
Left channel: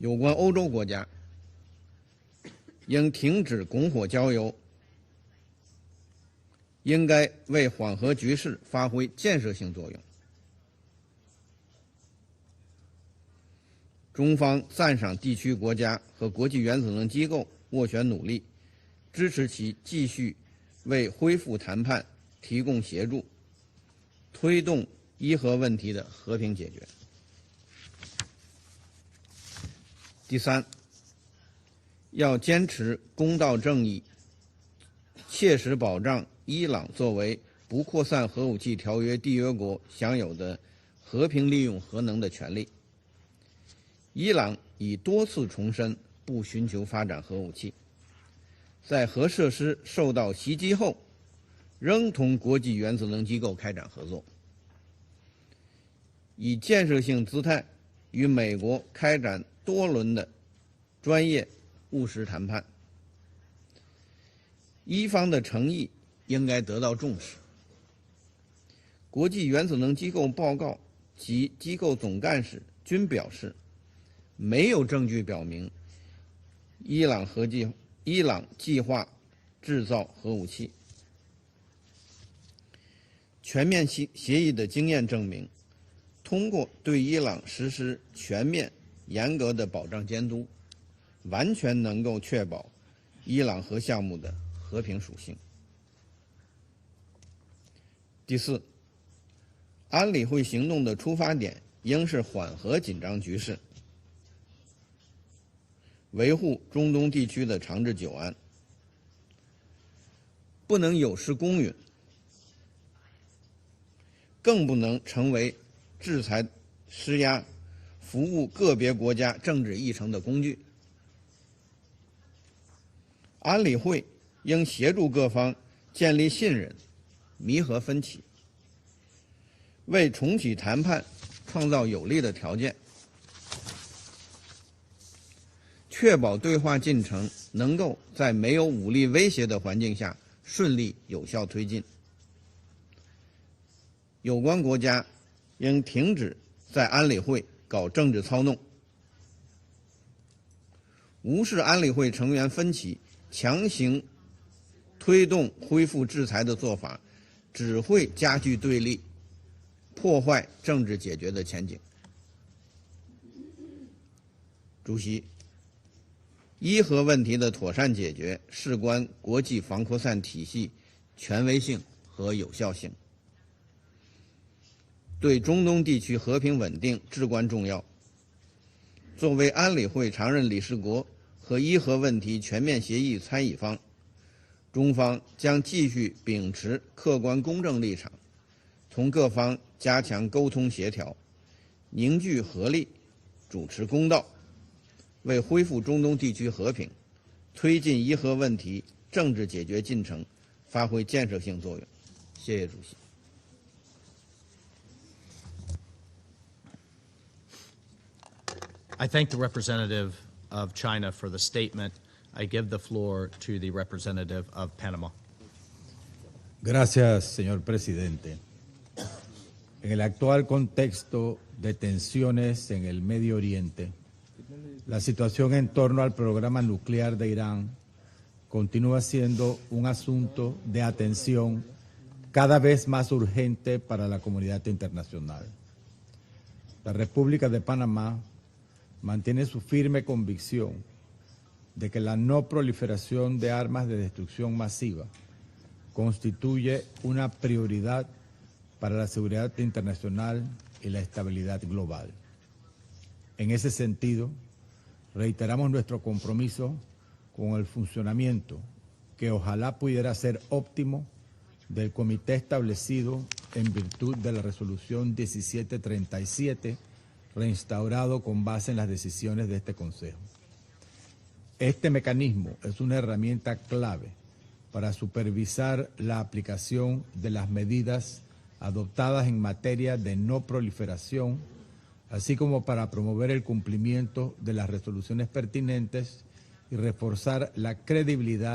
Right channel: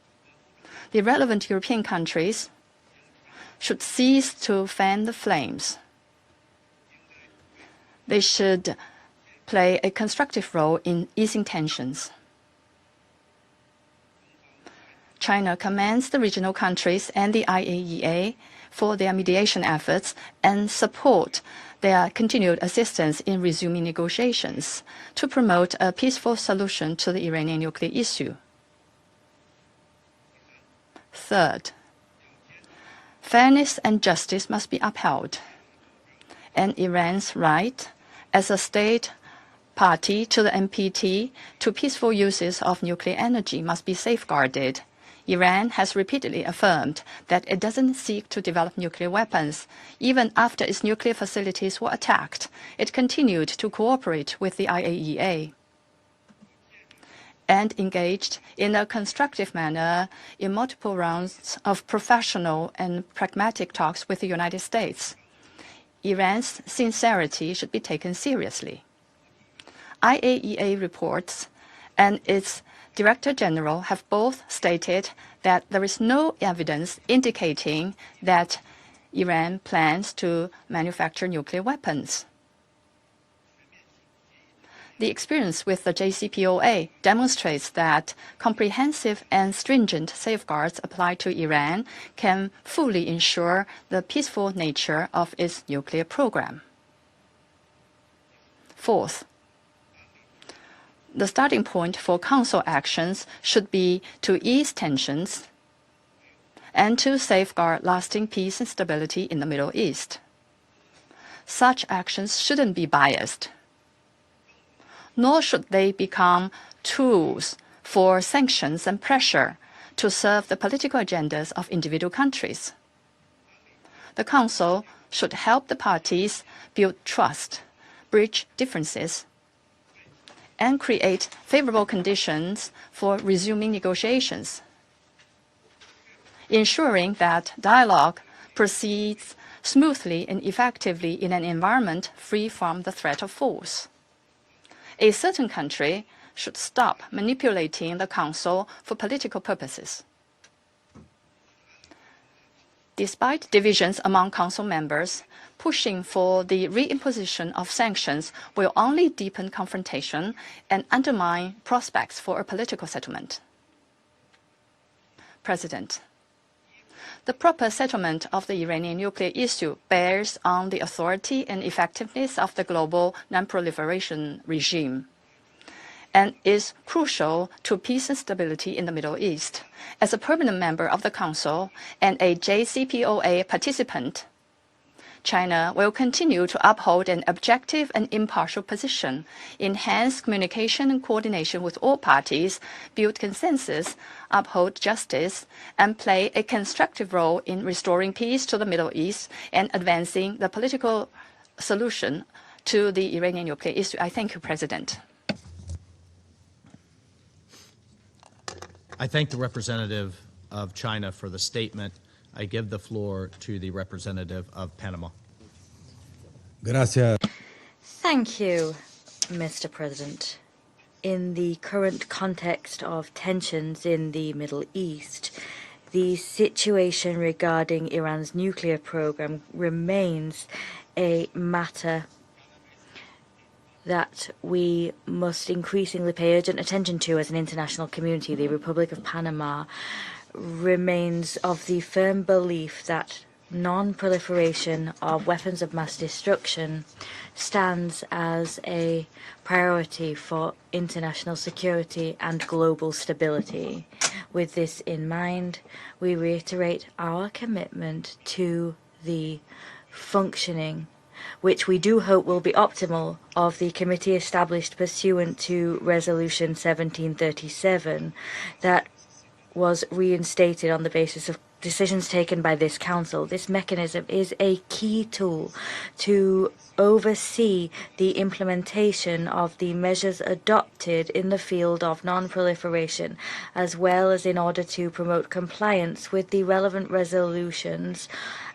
The relevant European countries should cease to fan the flames. They should play a constructive role in easing tensions. China commends the regional countries and the IAEA for their mediation efforts and support their continued assistance in resuming negotiations to promote a peaceful solution to the Iranian nuclear issue. Third, fairness and justice must be upheld, and Iran's right as a state party to the NPT to peaceful uses of nuclear energy must be safeguarded. Iran has repeatedly affirmed that it doesn't seek to develop nuclear weapons. Even after its nuclear facilities were attacked, it continued to cooperate with the IAEA and engaged in a constructive manner in multiple rounds of professional and pragmatic talks with the United States. Iran's sincerity should be taken seriously. IAEA reports and its Director General have both stated that there is no evidence indicating that Iran plans to manufacture nuclear weapons. The experience with the JCPOA demonstrates that comprehensive and stringent safeguards applied to Iran can fully ensure the peaceful nature of its nuclear program. Fourth, the starting point for Council actions should be to ease tensions and to safeguard lasting peace and stability in the Middle East. Such actions shouldn't be biased, nor should they become tools for sanctions and pressure to serve the political agendas of individual countries. The Council should help the parties build trust, bridge differences, and create favorable conditions for resuming negotiations, ensuring that dialogue proceeds smoothly and effectively in an environment free from the threat of force. A certain country should stop manipulating the Council for political purposes. Despite divisions among Council members, pushing for the reimposition of sanctions will only deepen confrontation and undermine prospects for a political settlement. President, the proper settlement of the Iranian nuclear issue bears on the authority and effectiveness of the global non-proliferation regime and is crucial to peace and stability in the Middle East. As a permanent member of the Council and a JCPOA participant, China will continue to uphold an objective and impartial position, enhance communication and coordination with all parties, build consensus, uphold justice, and play a constructive role in restoring peace to the Middle East and advancing the political solution to the Iranian nuclear issue. I thank you, President. I thank the representative of China for the statement. I give the floor to the representative of Panama. Gracias, señor presidente. Thank you, Mr. President. In the current context of tensions in the Middle East, the situation regarding Iran's nuclear program remains a matter that we must increasingly pay urgent attention to as an international community. The Republic of Panama remains of the firm belief that non-proliferation of weapons of mass destruction stands as a priority for international security and global stability. With this in mind, we reiterate our commitment to the functioning, which we do hope will be optimal, of the committee established pursuant to Resolution 1737 that was reinstated on the basis of decisions taken by this Council. This mechanism is a key tool to oversee the implementation of the measures adopted in the field of non-proliferation, as well as in order to promote compliance with the relevant resolutions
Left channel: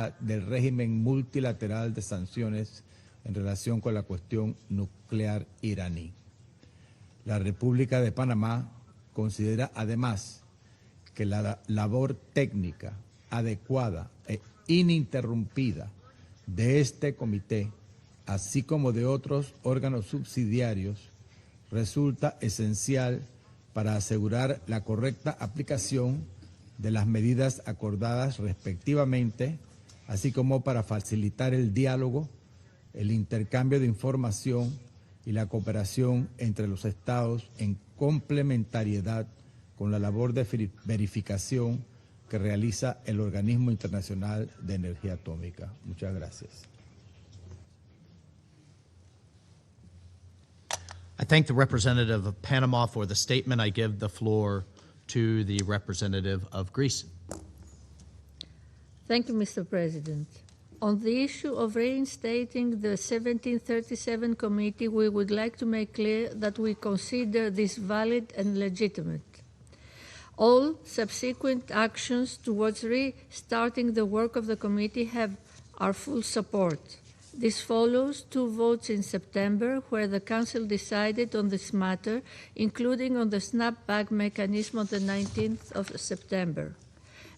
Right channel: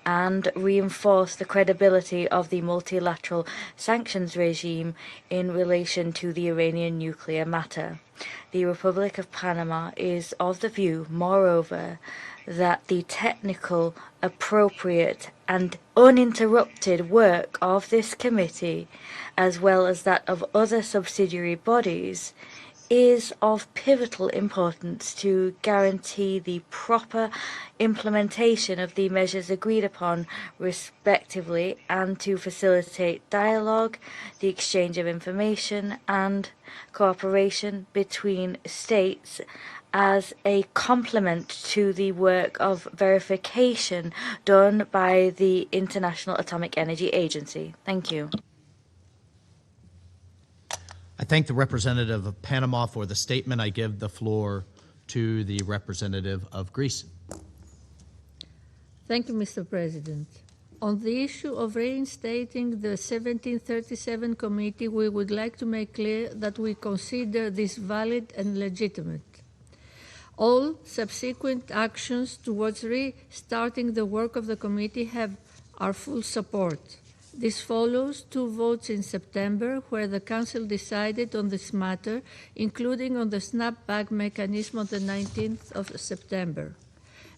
and reinforce the credibility of the multilateral sanctions regime in relation to the Iranian nuclear matter. The Republic of Panama is of the view, moreover, that the technical, appropriate and uninterrupted work of this committee, as well as that of other subsidiary bodies, is of pivotal importance to guarantee the proper implementation of the measures agreed upon respectively and to facilitate dialogue, the exchange of information and cooperation between states as a complement to the work of verification done by the International Atomic Energy Agency. Thank you. I thank the representative of Panama for the statement. I give the floor to the representative of Greece. Thank you, Mr. President. On the issue of reinstating the 1737 committee, we would like to make clear that we consider this valid and legitimate. All subsequent actions towards restarting the work of the committee have our full support. This follows 2 votes in September where the Council decided on this matter, including on the snapback mechanism on the 19th of September.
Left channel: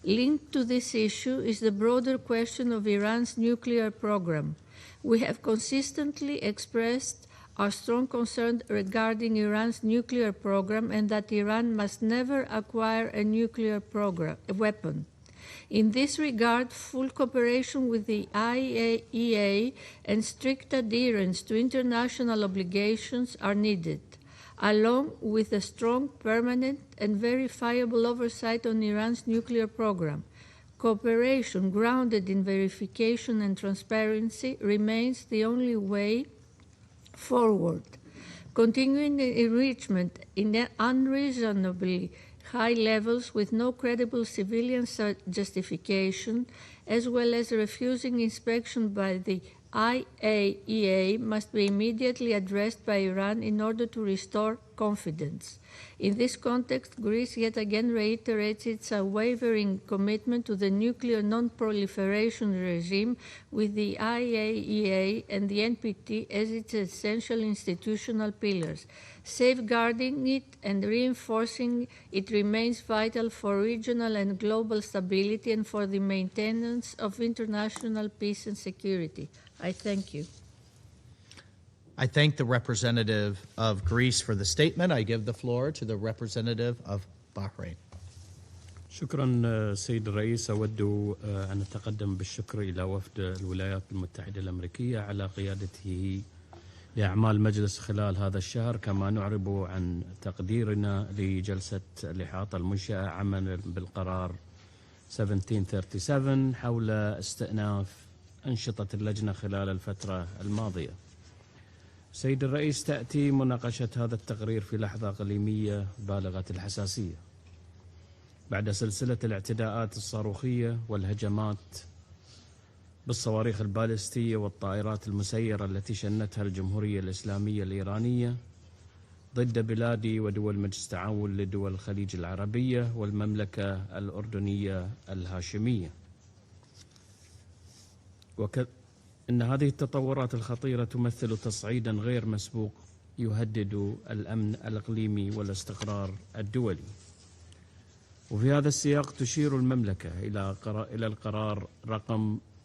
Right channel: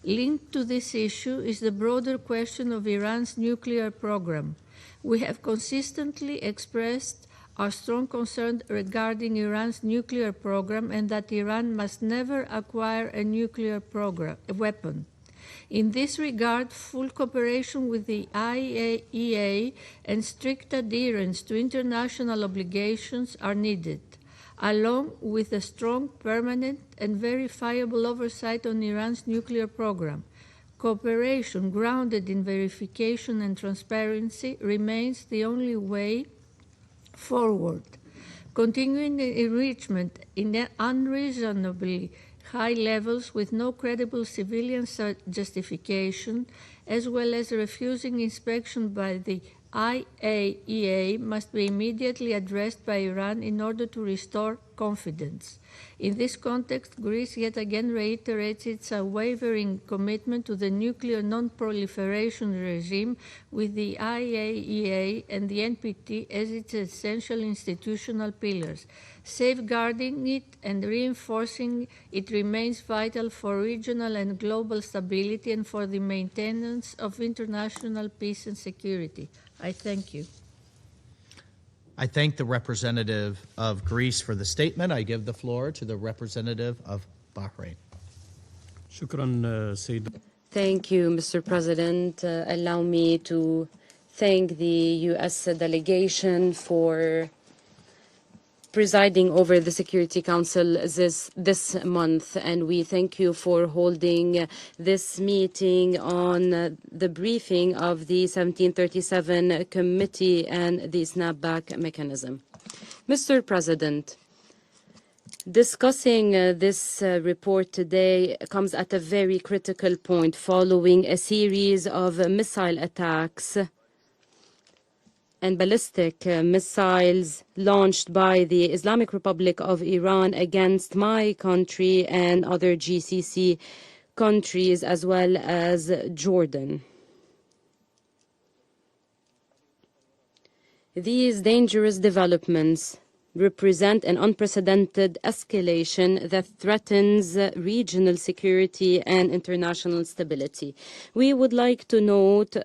Linked to this issue is the broader question of Iran's nuclear program. We have consistently expressed our strong concern regarding Iran's nuclear program and that Iran must never acquire a nuclear weapon. In this regard, full cooperation with the IAEA and strict adherence to international obligations are needed, along with a strong, permanent, and verifiable oversight on Iran's nuclear program. Cooperation grounded in verification and transparency remains the only way forward. Continuing the enrichment in unreasonably high levels with no credible civilian justification, as well as refusing inspection by the IAEA, must be immediately addressed by Iran in order to restore confidence. In this context, Greece yet again reiterates its unwavering commitment to the nuclear non-proliferation regime, with the IAEA and the NPT as its essential institutional pillars. Safeguarding it and reinforcing it remains vital for regional and global stability and for the maintenance of international peace and security. I thank you. I thank the representative of Greece for the statement. I give the floor to the representative of Bahrain. Thank you, Mr. President. Allow me to thank the U.S. delegation for presiding over the Security Council this month, and we thank you for holding this meeting on the briefing of the 1737 Committee and the snapback mechanism. Mr. President, discussing this report today comes at a very critical point following a series of missile attacks and ballistic missiles launched by the Islamic Republic of Iran against my country and other GCC countries, as well as Jordan. These dangerous developments represent an unprecedented escalation that threatens regional security and international stability. We would like to note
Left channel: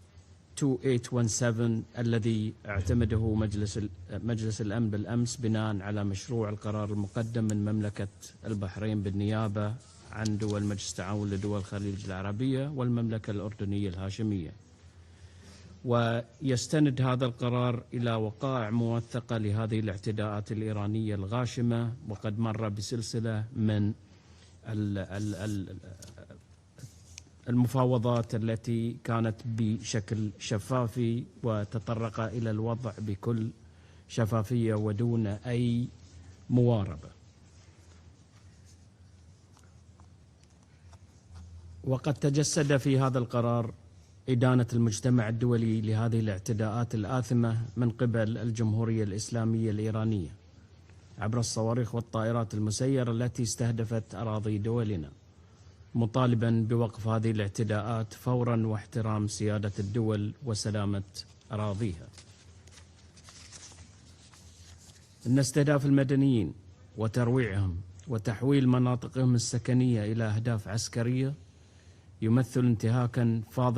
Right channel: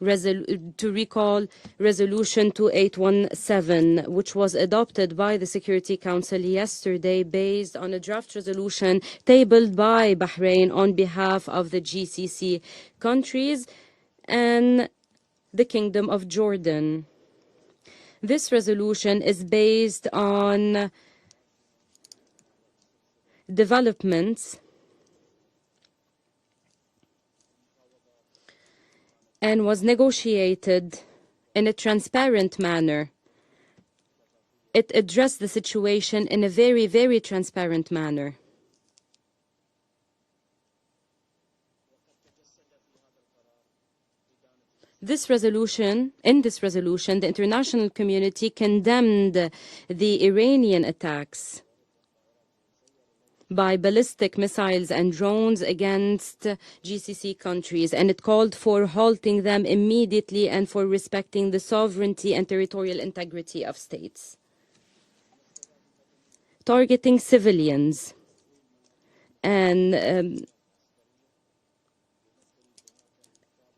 recall Resolution 2817, which was adopted by the Security Council yesterday based on a draft resolution tabled by Bahrain on behalf of the GCC countries and the Kingdom of Jordan. This resolution is based on developments and was negotiated in a transparent manner. It addressed the situation in a very, very transparent manner. In this resolution, the international community condemned the Iranian attacks by ballistic missiles and drones against GCC countries, and it called for halting them immediately and for respecting the sovereignty and territorial integrity of states. Targeting civilians and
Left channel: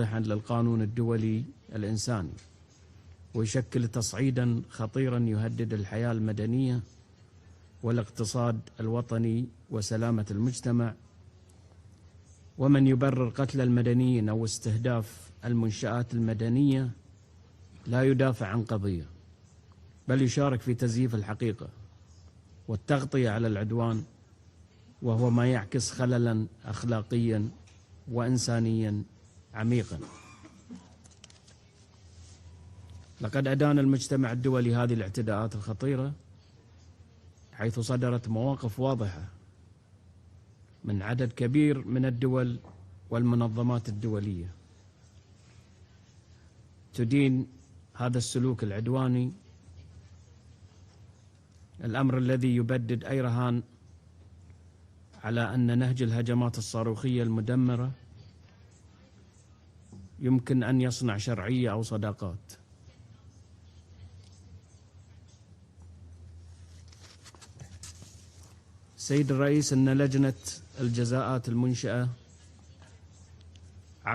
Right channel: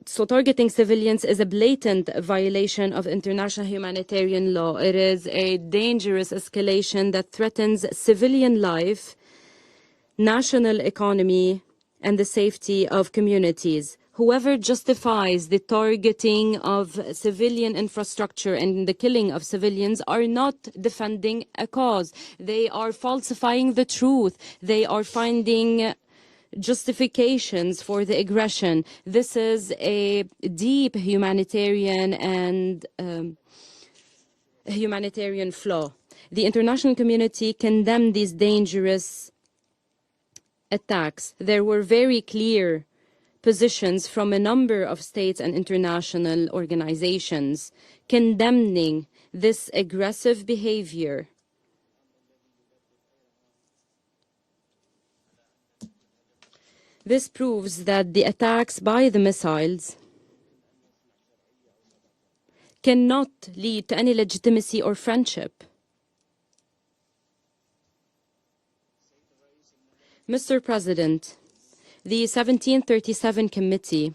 so targeting civilians is a blatant violation of international humanitarian law. It is a dangerous escalation that threatens civilian life, national economy, and the safety of communities. Whoever justifies the targeting of civilian infrastructure and the killing of civilians are not defending a cause. They are falsifying the truth. They are finding justifications for the aggression. This is a deep humanitarian and humanitarian flaw. The international community condemned these dangerous attacks. There were very clear positions from a number of states and international organizations condemning this aggressive behavior. This proves that the attacks by the missiles cannot lead to any legitimacy or friendship. Mr. President, the 1737 Committee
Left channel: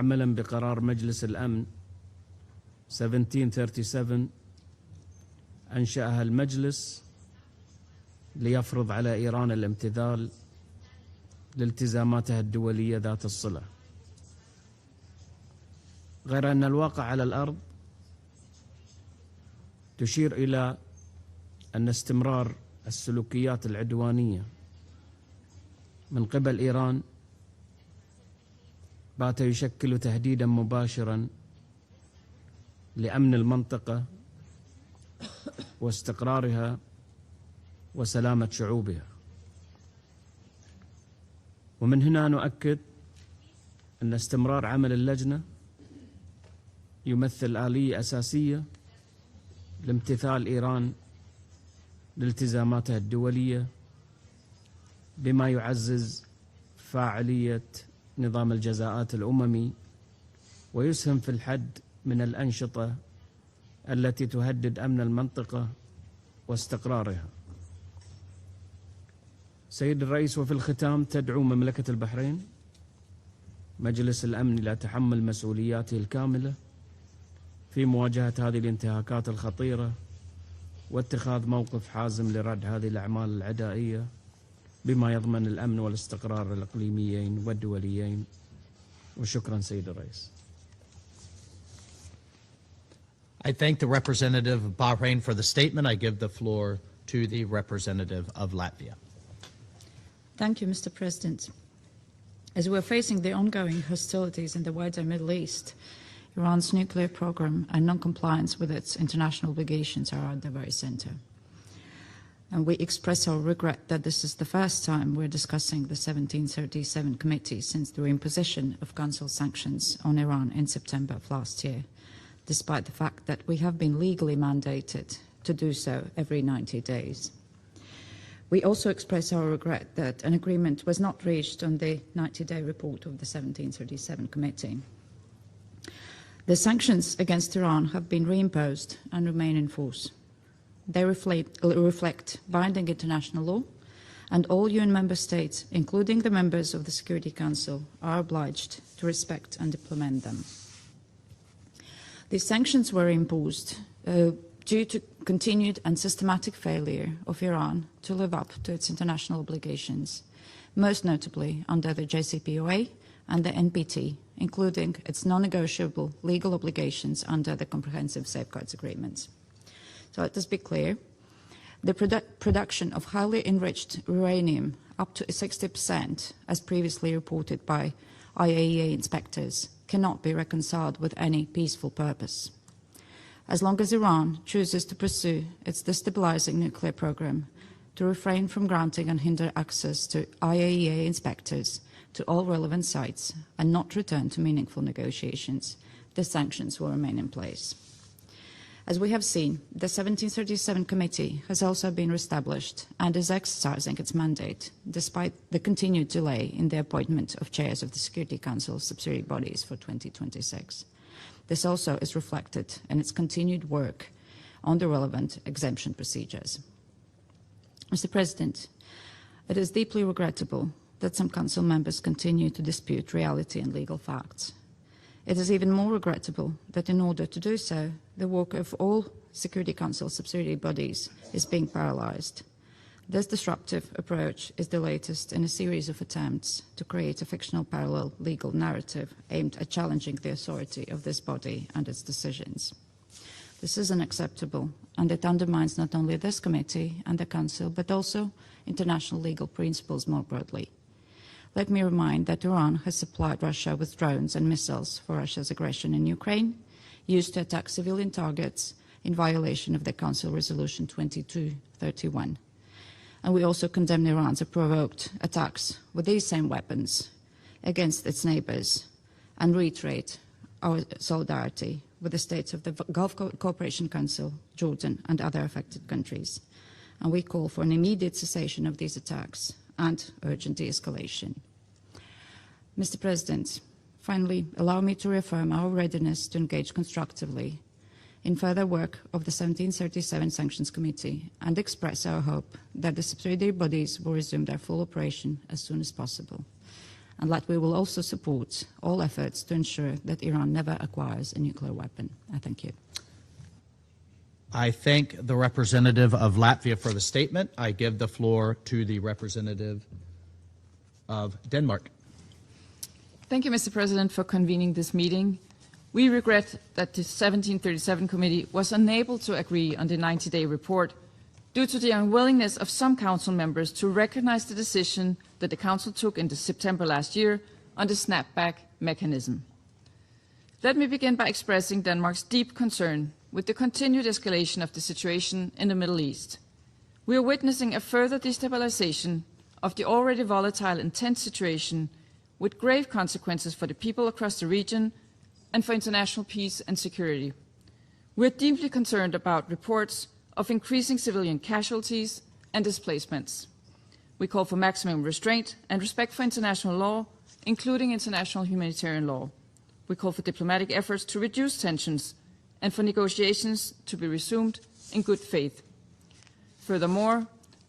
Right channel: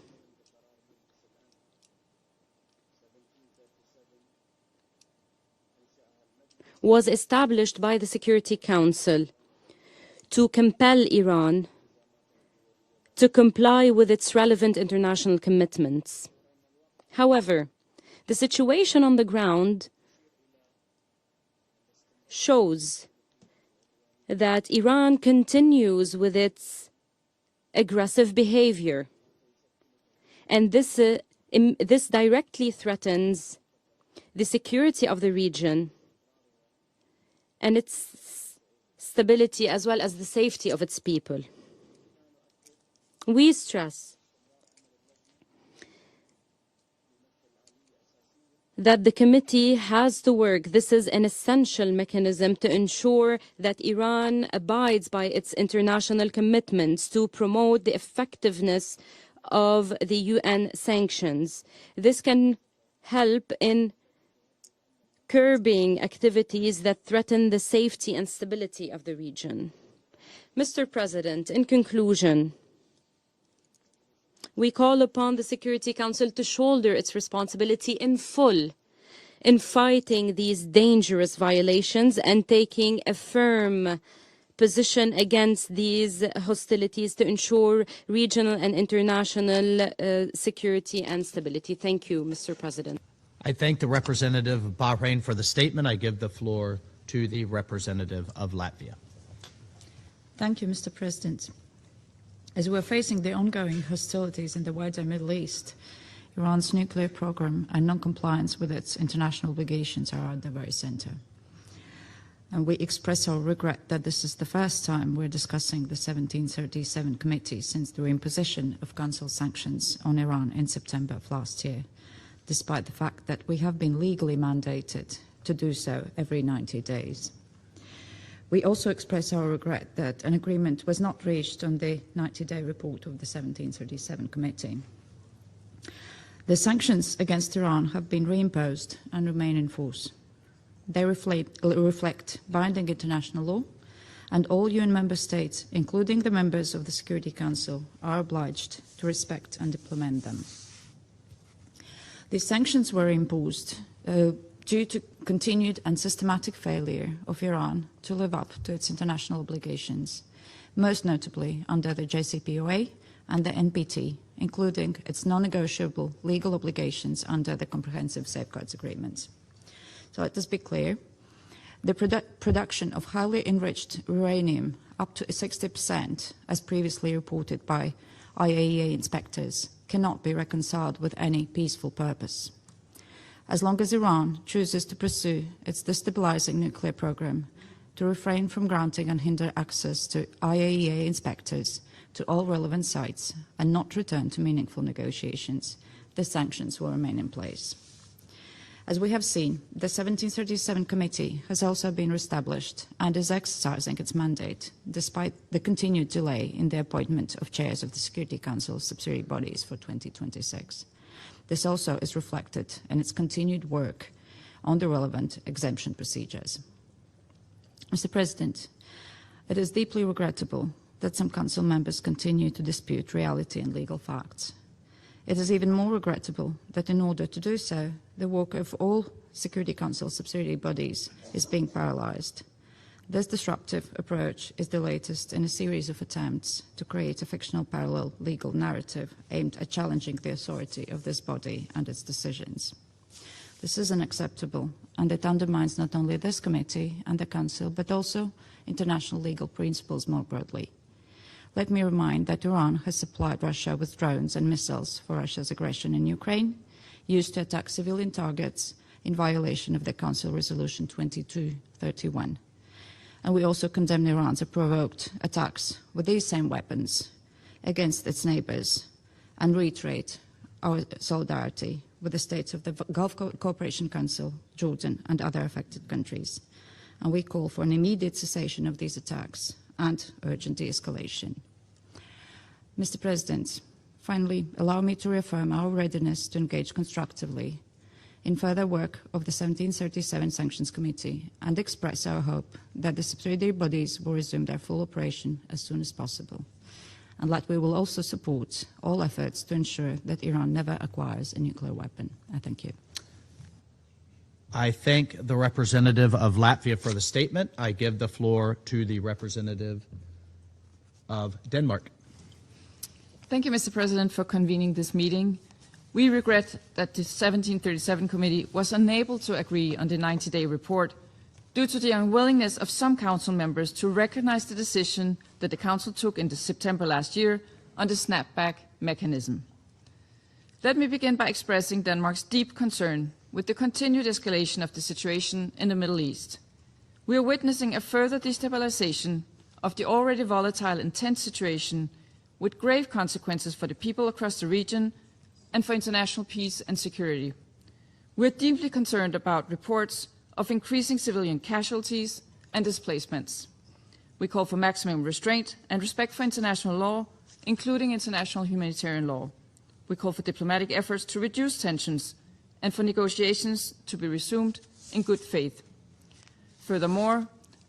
was established by the Security Council to compel Iran to comply with its relevant international commitments. However, the situation on the ground shows that Iran continues with its aggressive behavior, and this directly threatens the security of the region and its stability as well as the safety of its people. ومن هنا نؤكد We stress أن استمرار عمل اللجنة that the committee has to work. This is an essential mechanism to ensure that Iran abides by its international commitments to promote the effectiveness of the UN sanctions. This can help in curbing activities that threaten the safety and stability of the region. Mr. President, in conclusion, we call upon the Security Council to shoulder its responsibility in full in fighting these dangerous violations and taking a firm position against these hostilities to ensure regional and international security and stability. Thank you, Mr. President. I thank the representative of Bahrain for the statement. I give the floor to the representative of Latvia. Thank you, Mr. President. As we're facing the ongoing hostilities in the wider Middle East, Iran's nuclear program and non-compliance with its international obligations are at the very center. And we express our regret that this is the first time we're discussing the 1737 committee since the reimposition of Council sanctions on Iran in September of last year, despite the fact that we have been legally mandated to do so every 90 days. We also express our regret that an agreement was not reached on the 90-day report of the 1737 committee. The sanctions against Iran have been reimposed and remain in force. They reflect binding international law, and all UN member states, including the members of the Security Council, are obliged to respect and implement them. These sanctions were imposed due to continued and systematic failure of Iran to live up to its international obligations, most notably under the JCPOA and the NPT, including its non-negotiable legal obligations under the Comprehensive Safeguards Agreements. So let us be clear, the production of highly enriched uranium up to 60%, as previously reported by IAEA inspectors, cannot be reconciled with any peaceful purpose. As long as Iran chooses to pursue its destabilizing nuclear program, to refrain from granting and hinder access to IAEA inspectors to all relevant sites, and not return to meaningful negotiations, the sanctions will remain in place. As we have seen, the 1737 committee has also been reestablished and is exercising its mandate, despite the continued delay in the appointment of chairs of the Security Council subsidiary bodies for 2026. This also is reflected in its continued work on the relevant exemption procedures. Mr. President, it is deeply regrettable that some Council members continue to dispute reality and legal facts. It is even more regrettable that in order to do so, the work of all Security Council subsidiary bodies is being paralysed. This disruptive approach is the latest in a series of attempts to create a fictional parallel legal narrative aimed at challenging the authority of this body and its decisions. This is unacceptable, and it undermines not only this committee and the Council, but also international legal principles more broadly. Let me remind that Iran has supplied Russia with drones and missiles for Russia's aggression in Ukraine, used to attack civilian targets in violation of the Council Resolution 2231. And we also condemn Iran's provoked attacks with these same weapons against its neighbours and reiterate our solidarity with the states of the Gulf Cooperation Council, Jordan and other affected countries. And we call for an immediate cessation of these attacks and urgent de-escalation. Mr. President, finally, allow me to reaffirm our readiness to engage constructively in further work of the 1737 Sanctions Committee and express our hope that the subsidiary bodies will resume their full operation as soon as possible, and that we will also support all efforts to ensure that Iran never acquires a nuclear weapon. I thank you. I thank the representative of Latvia for the statement. I give the floor to the representative of Denmark. Thank you, Mr. President, for convening this meeting. We regret that the 1737 committee was unable to agree on the 90-day report due to the unwillingness of some Council members to recognize the decision that the Council took in September last year on the snapback mechanism. Let me begin by expressing Denmark's deep concern with the continued escalation of the situation in the Middle East. We are witnessing a further destabilization of the already volatile and tense situation with grave consequences for the people across the region and for international peace and security. We're deeply concerned about reports of increasing civilian casualties and displacements. We call for maximum restraint and respect for international law, including international humanitarian law. We call for diplomatic efforts to reduce tensions and for negotiations to be resumed in good faith. Furthermore,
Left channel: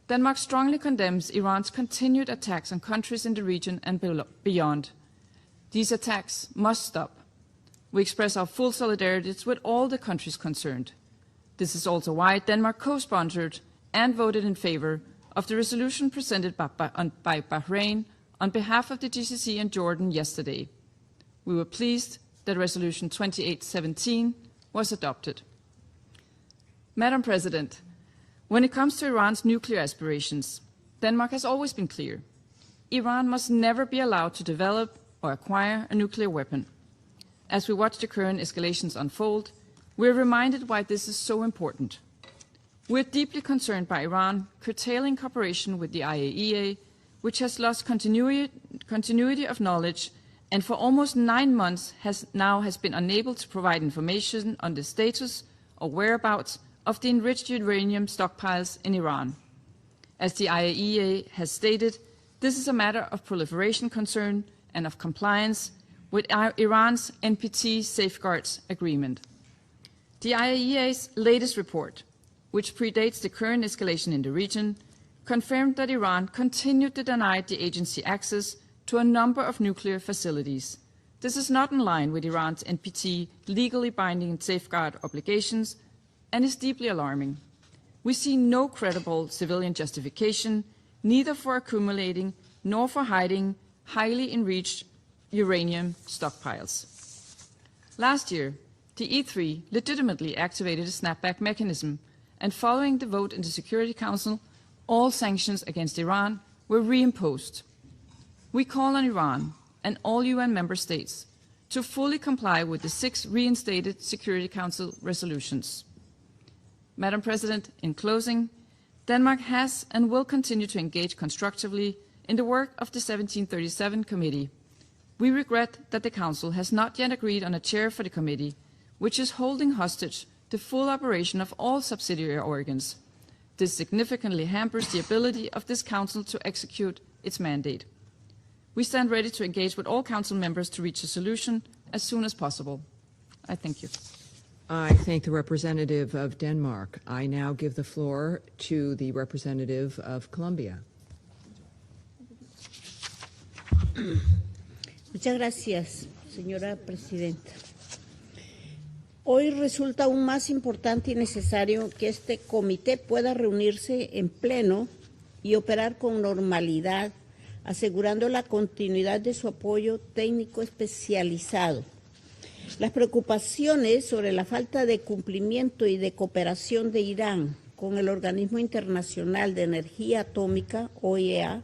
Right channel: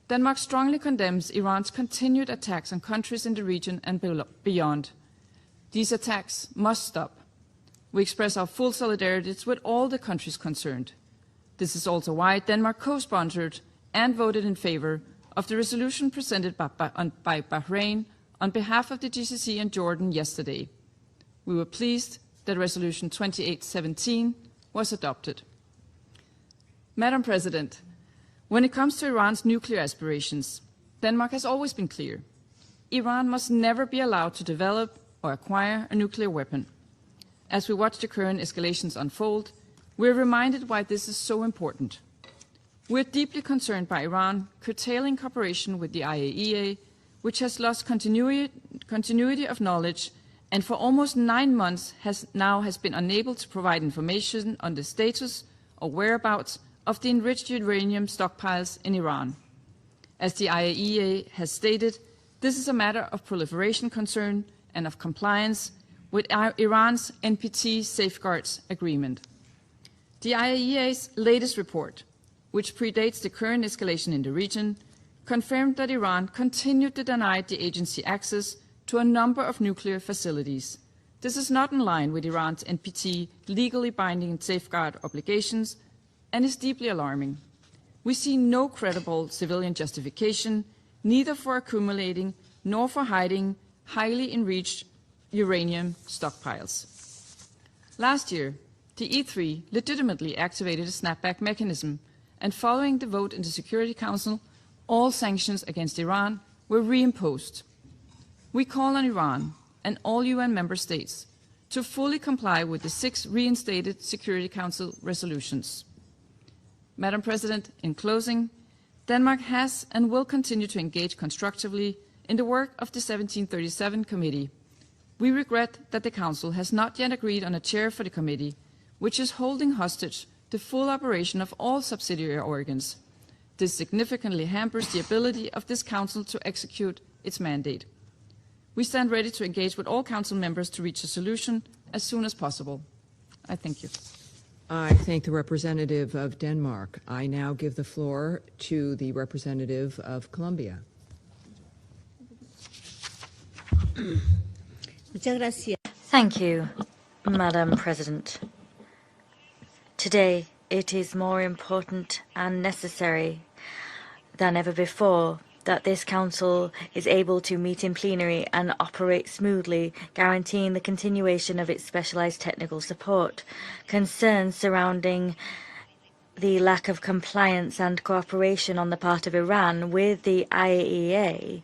Denmark strongly condemns Iran's continued attacks on countries in the region and beyond. These attacks must stop. We express our full solidarity with all the countries concerned. This is also why Denmark co-sponsored and voted in favor of the resolution presented by Bahrain on behalf of the GCC and Jordan yesterday. We were pleased that Resolution 2817 was adopted. Madam President, when it comes to Iran's nuclear aspirations, Denmark has always been clear. Iran must never be allowed to develop or acquire a nuclear weapon. As we watch the current escalations unfold, we're reminded why this is so important. We're deeply concerned by Iran curtailing cooperation with the IAEA, which has lost continuity of knowledge and for almost 9 months has been unable to provide information on the status or whereabouts of the enriched uranium stockpiles in Iran. As the IAEA has stated, this is a matter of proliferation concern and of compliance with Iran's NPT Safeguards Agreement. The IAEA's latest report, which predates the current escalation in the region, confirmed that Iran continued to deny the agency access to a number of nuclear facilities. This is not in line with Iran's NPT legally binding safeguard obligations and is deeply alarming. We see no credible civilian justification, neither for accumulating nor for hiding highly enriched uranium stockpiles. Last year, the E3 legitimately activated a snapback mechanism, and following the vote in the Security Council, all sanctions against Iran were reimposed. We call on Iran and all UN member states to fully comply with the 6 reinstated Security Council resolutions. Madam President, in closing, Denmark has and will continue to engage constructively in the work of the 1737 Committee. We regret that the Council has not yet agreed on a chair for the committee, which is holding hostage the full operation of all subsidiary organs. This significantly hampers the ability of this Council to execute its mandate. We stand ready to engage with all Council members to reach a solution as soon as possible. I thank you. I thank the representative of Denmark. I now give the floor to the representative of Colombia. Thank you, Madam President. Today, it is more important and necessary than ever before that this Council is able to meet in plenary and operate smoothly, guaranteeing the continuation of its specialized technical support. Concerns surrounding the lack of compliance and cooperation on the part of Iran with the IAEA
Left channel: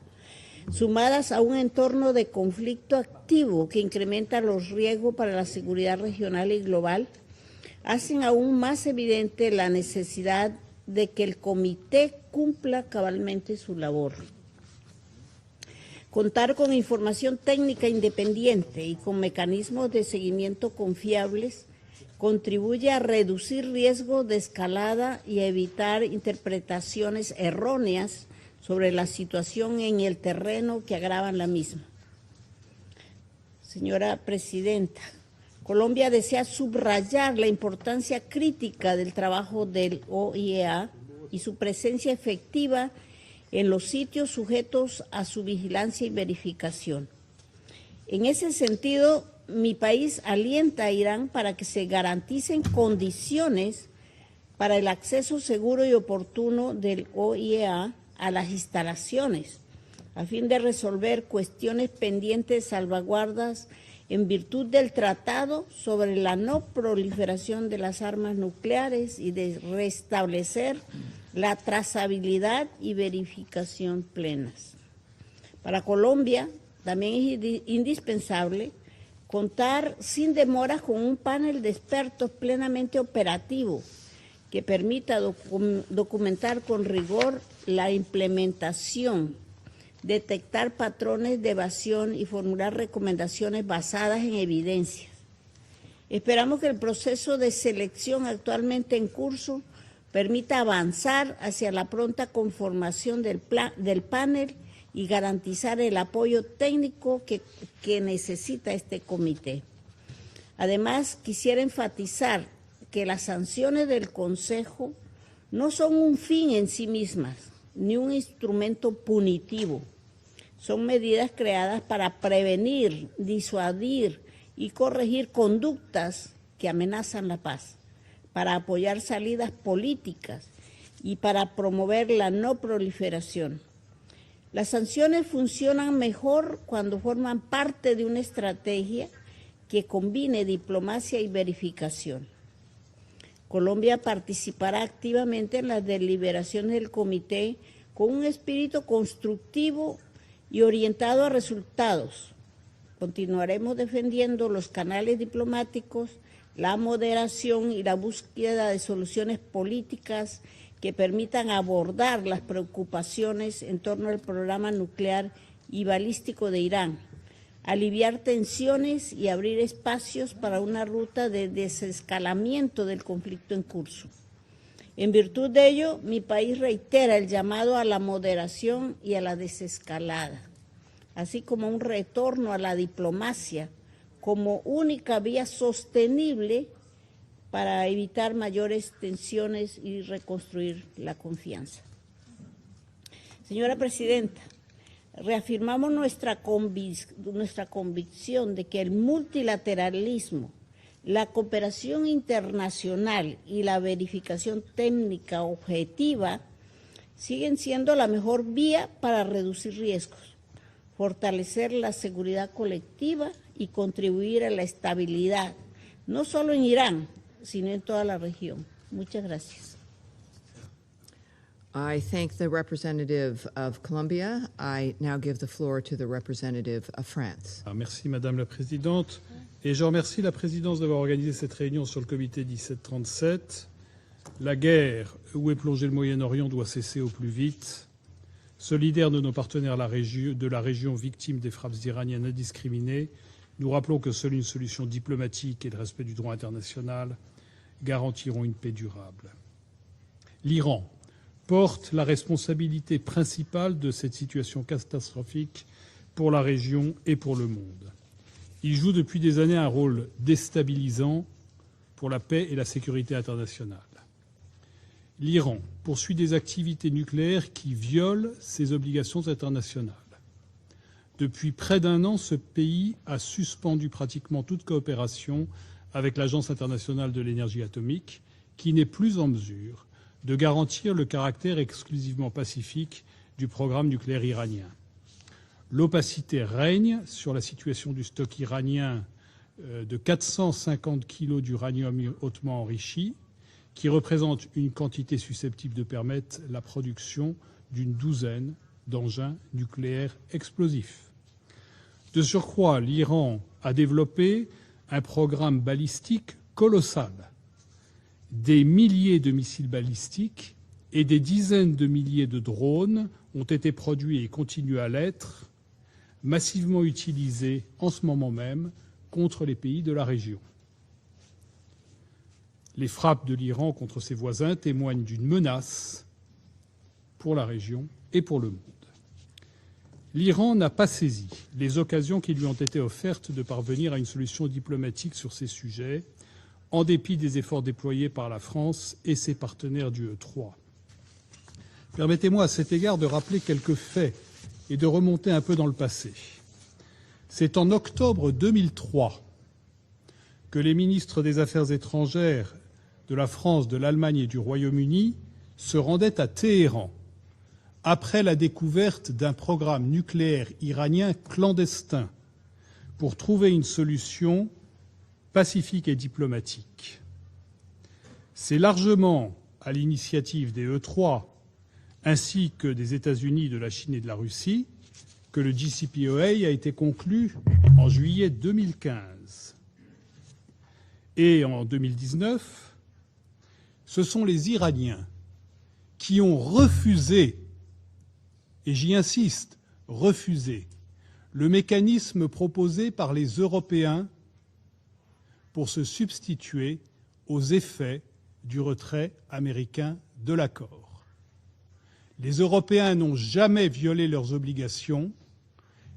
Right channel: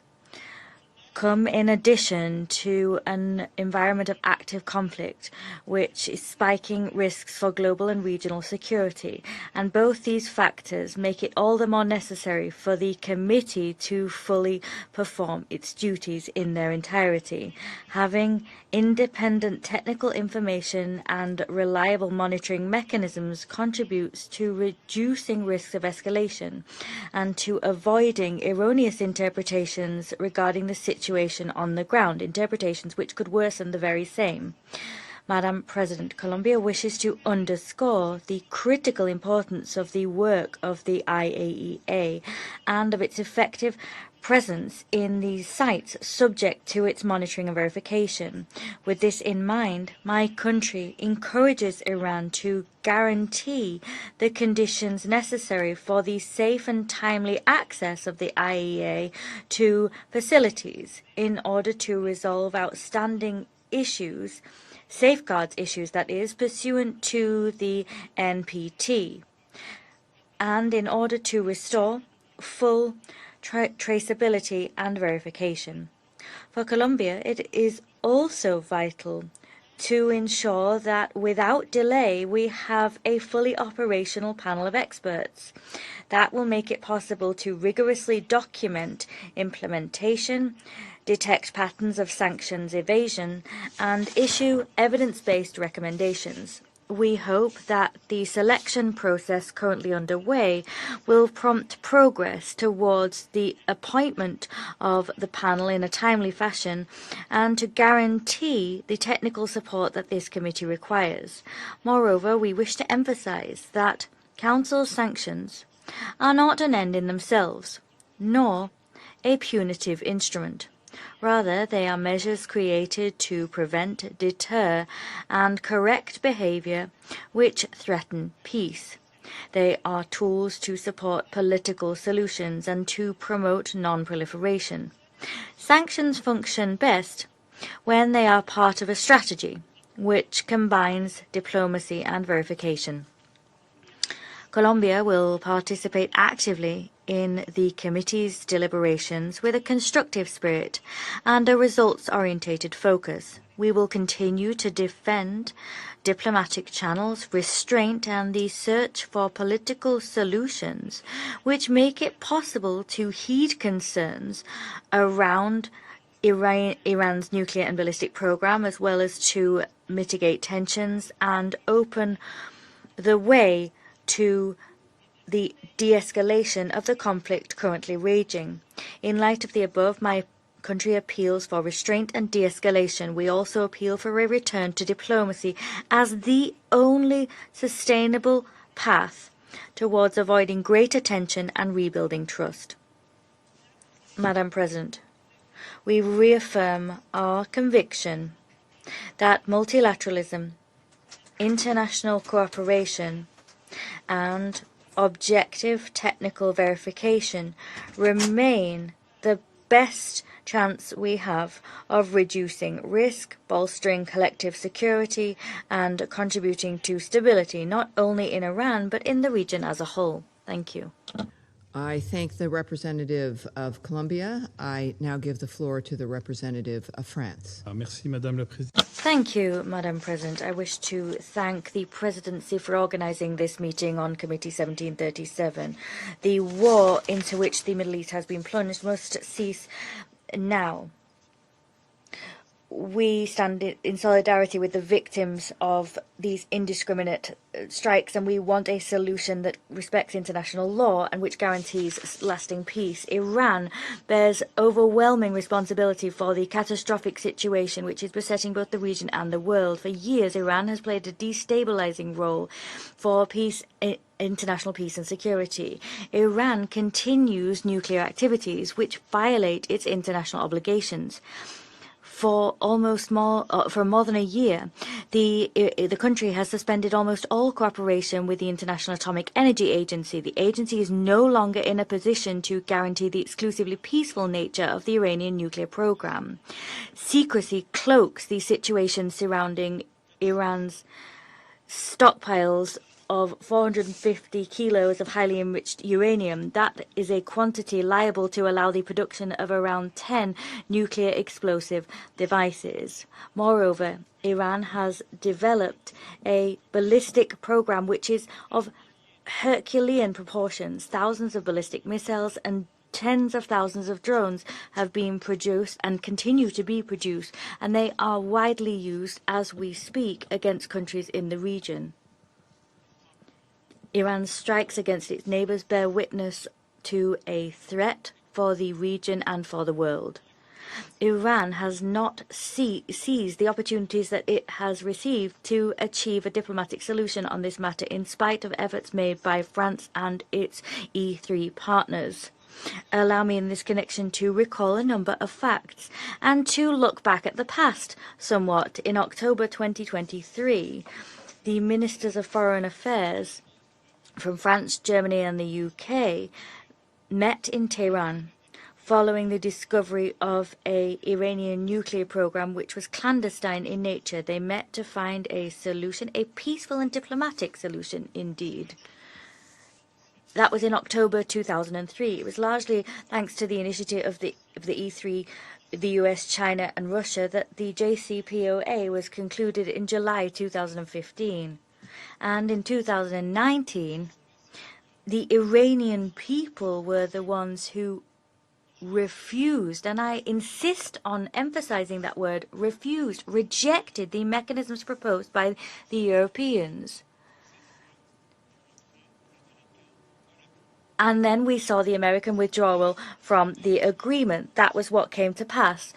come in addition to an environment of active conflict, which is spiking risks for global and regional security. And both these factors make it all the more necessary for the committee to fully perform its duties in their entirety. Having independent technical information and reliable monitoring mechanisms contributes to reducing risks of escalation and to avoiding erroneous interpretations regarding the situation on the ground, interpretations which could worsen the very thing. Madam President, Colombia wishes to underscore the critical importance of the work of the IAEA and of its effective presence in these sites, subject to its monitoring and verification. With this in mind, my country encourages Iran to guarantee the conditions necessary for the safe and timely access of the IAEA to facilities in order to resolve outstanding issues, safeguards issues, that is, pursuant to the NPT, and in order to restore full traceability and verification. For Colombia, it is also vital to ensure that without delay we have a fully operational panel of experts that will make it possible to rigorously document implementation, detect patterns of sanctions evasion, and issue evidence evidence-based recommendations. We hope that the selection process currently underway will prompt progress towards the appointment of the panel in a timely fashion and to guarantee the technical support that this committee requires. Moreover, we wish to emphasize that Council sanctions are not an end in themselves, nor a punitive instrument. Rather, they are measures created to prevent, deter, and correct behavior which threaten peace. They are tools to support political solutions and to promote non-proliferation. Sanctions function best when they are part of a strategy which combines diplomacy and verification. Colombia will participate actively in the committee's deliberations with a constructive spirit and a results-oriented focus. We will continue to defend diplomatic channels, restraint, and the search for political solutions which make it possible to heed concerns around Iran's nuclear and ballistic program, as well as to mitigate tensions and open the way to the de-escalation of the conflict currently raging. In light of the above, my country appeals for restraint and de-escalation. We also appeal for a return to diplomacy as the only sustainable path towards avoiding greater tension and rebuilding trust. Madam President, we reaffirm our conviction that multilateralism, international cooperation, and objective technical verification remain the best chance we have of reducing risk, bolstering collective security, and contributing to stability, not only in Iran, but in the region as a whole. Thank you. I thank the representative of Colombia. I now give the floor to the representative of France. Merci, Madame la Présidente. Thank you, Madam President. I wish to thank the Presidency for organizing this meeting on Committee 1737. The war into which the Middle East has been plunged must cease now. We stand in solidarity with the victims of these indiscriminate strikes, and we want a solution that respects international law and which guarantees lasting peace. Iran bears overwhelming responsibility for the catastrophic situation which is besetting both the region and the world. For years, Iran has played a destabilizing role for peace, international peace and security. Iran continues nuclear activities which violate its international obligations. For more than a year, the country has suspended almost all cooperation with the International Atomic Energy Agency. The agency is no longer in a position to guarantee the exclusively peaceful nature of the Iranian nuclear program. Secrecy cloaks the situation surrounding Iran's stockpiles of 450 kilos of highly enriched uranium. That is a quantity liable to allow the production of around 10 nuclear explosive devices. Moreover, Iran has developed a ballistic program which is of Herculean proportions. Thousands of ballistic missiles and tens of thousands of drones have been produced and continue to be produced, and they are widely used as we speak against countries in the region. Iran's strikes against its neighbors bear witness to a threat for the region and for the world. Iran has not seized the opportunities that it has received to achieve a diplomatic solution on this matter, in spite of efforts made by France and its E3 partners. Allow me in this connection to recall a number of facts and to look back at the past somewhat. In October 2023, the Ministers of Foreign Affairs from France, Germany and the UK met in Tehran following the discovery of an Iranian nuclear program which was clandestine in nature. They met to find a solution, a peaceful and diplomatic solution indeed. That was in October 2003. It was largely thanks to the initiative of the E3, the US, China and Russia that the JCPOA was concluded in July 2015. And in 2019, the Iranian people were the ones who refused, and I insist on emphasizing that word, refused, rejected the mechanisms proposed by the Europeans. Aux effets du retrait américain de l'accord. And then we saw the American withdrawal from the agreement. That was what came to pass.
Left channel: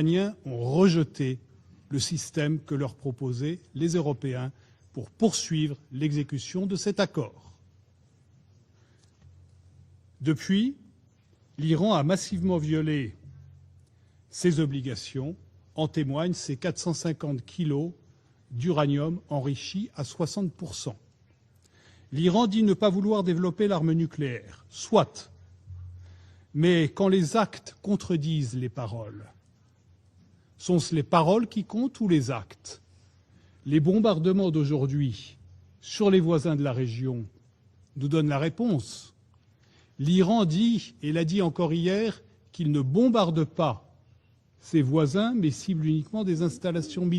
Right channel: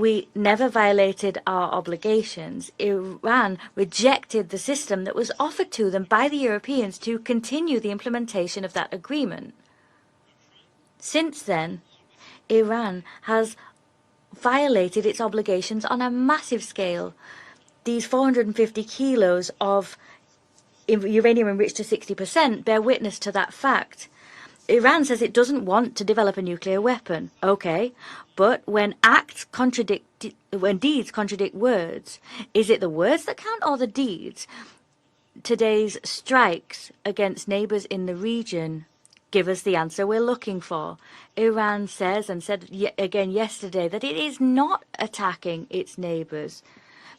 We never violated our obligations. Iran rejected the system that was offered to them by the Europeans to continue the implementation of that agreement. Since then, Iran has violated its obligations on a massive scale. These 450 kilos of uranium enriched to 60% bear witness to that fact. Iran says it doesn't want to develop a nuclear weapon. Okay, but when deeds contradict words, is it the words that count or the deeds? Today's strikes against neighbors in the region give us the answer we're looking for. Iran says, and said again yesterday, that it is not attacking its neighbors,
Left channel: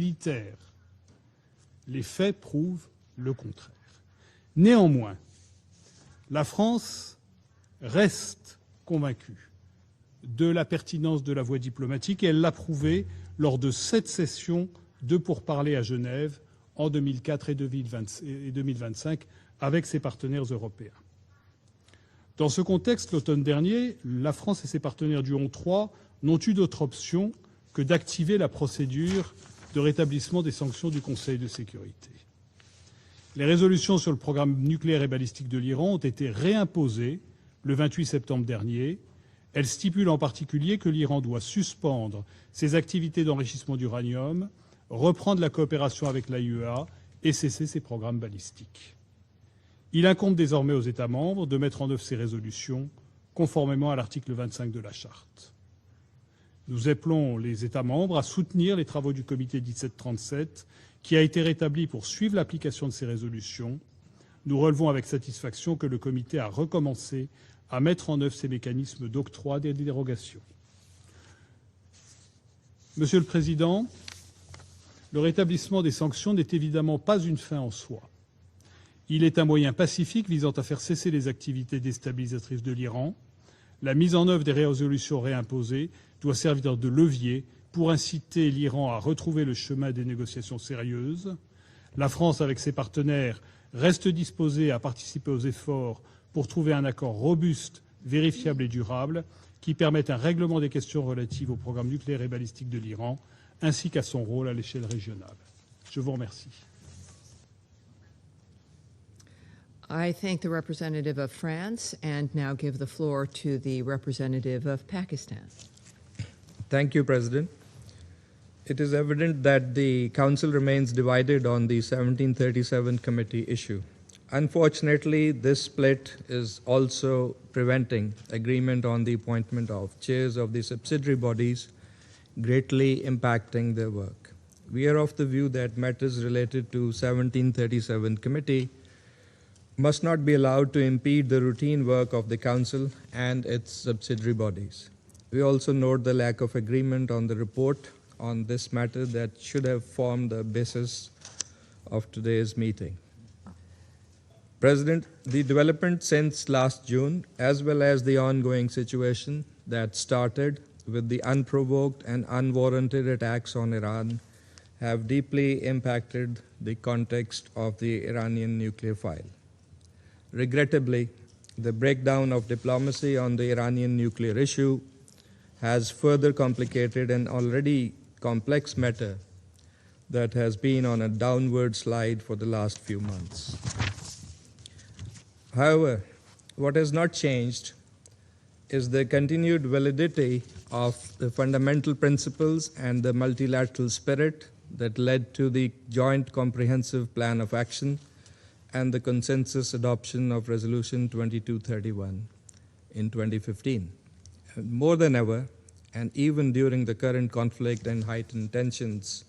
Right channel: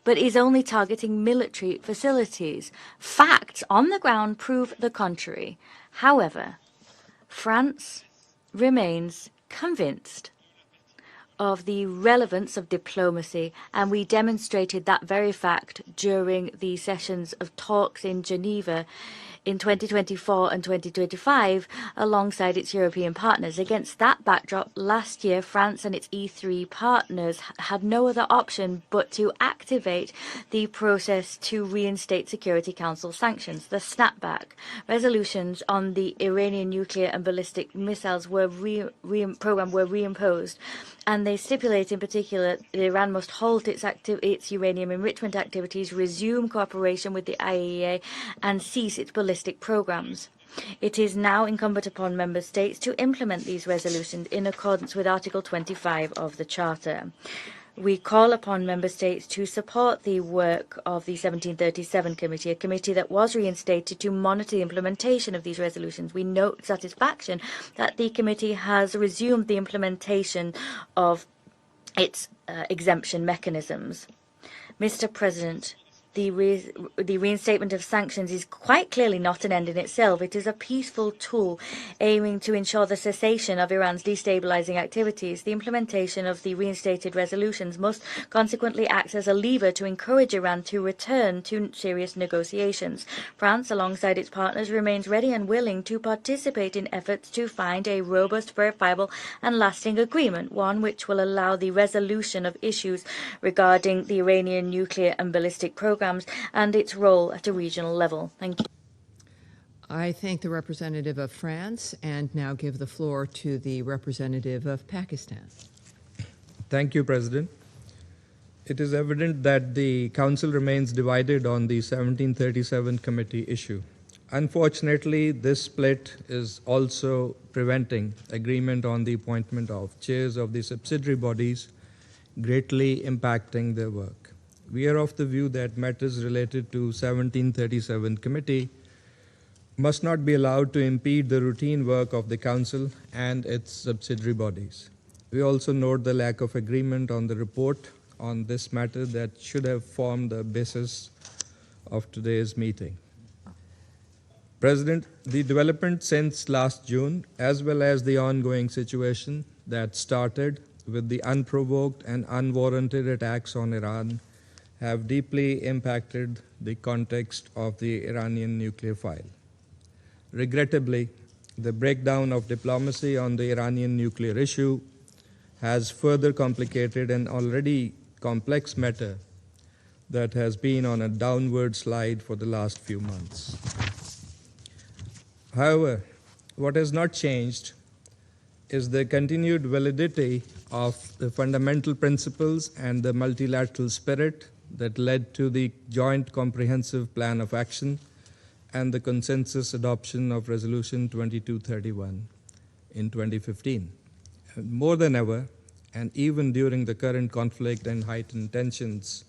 but is only targeting military facilities. Facts on the ground prove the contrary. However, France remains convinced of the relevance of diplomacy, and we demonstrated that very fact during the sessions of talks in Geneva in 2024 and 2025 alongside its European partners. Against that backdrop, last year France and its E3 partners had no other option but to activate the process to reinstate Security Council sanctions, the snapback. Resolutions on the Iranian nuclear and ballistic missiles were reimposed, and they stipulate in particular that Iran must halt its uranium enrichment activities, resume cooperation with the IAEA, and cease its ballistic programs. It is now incumbent upon member states to implement these resolutions in accordance with Article 25 of the Charter. We call upon member states to support the work of the 1737 Committee, a committee that was reinstated to monitor the implementation of these resolutions. We note with satisfaction that the committee has resumed the implementation of its exemption mechanisms. Mr. President, the reinstatement of sanctions is quite clearly not an end in itself. It is a peaceful tool aiming to ensure the cessation of Iran's destabilizing activities. The implementation of the reinstated resolutions must consequently act as a lever to encourage Iran to return to serious negotiations. France, alongside its partners, remains ready and willing to participate in efforts to find a robust, verifiable and lasting agreement, one which will allow the resolution of issues regarding the Iranian nuclear and ballistic programs and its role at a regional level. Thank you. I thank the representative of France and now give the floor to the representative of Pakistan. Thank you, President. It is evident that the Council remains divided on the 1737 committee issue. Unfortunately, this split is also preventing agreement on the appointment of chairs of the subsidiary bodies, greatly impacting their work. We are of the view that matters related to 1737 committee must not be allowed to impede the routine work of the Council and its subsidiary bodies. We also note the lack of agreement on the report on this matter that should have formed the basis of today's meeting. President, the development since last June, as well as the ongoing situation that started with the unprovoked and unwarranted attacks on Iran, have deeply impacted the context of the Iranian nuclear file. Regrettably, the breakdown of diplomacy on the Iranian nuclear issue has further complicated an already complex matter that has been on a downward slide for the last few months. However, what has not changed is the continued validity of the fundamental principles and the multilateral spirit that led to the Joint Comprehensive Plan of Action and the consensus adoption of Resolution 2231 in 2015. More than ever, and even during the current conflict and heightened tensions,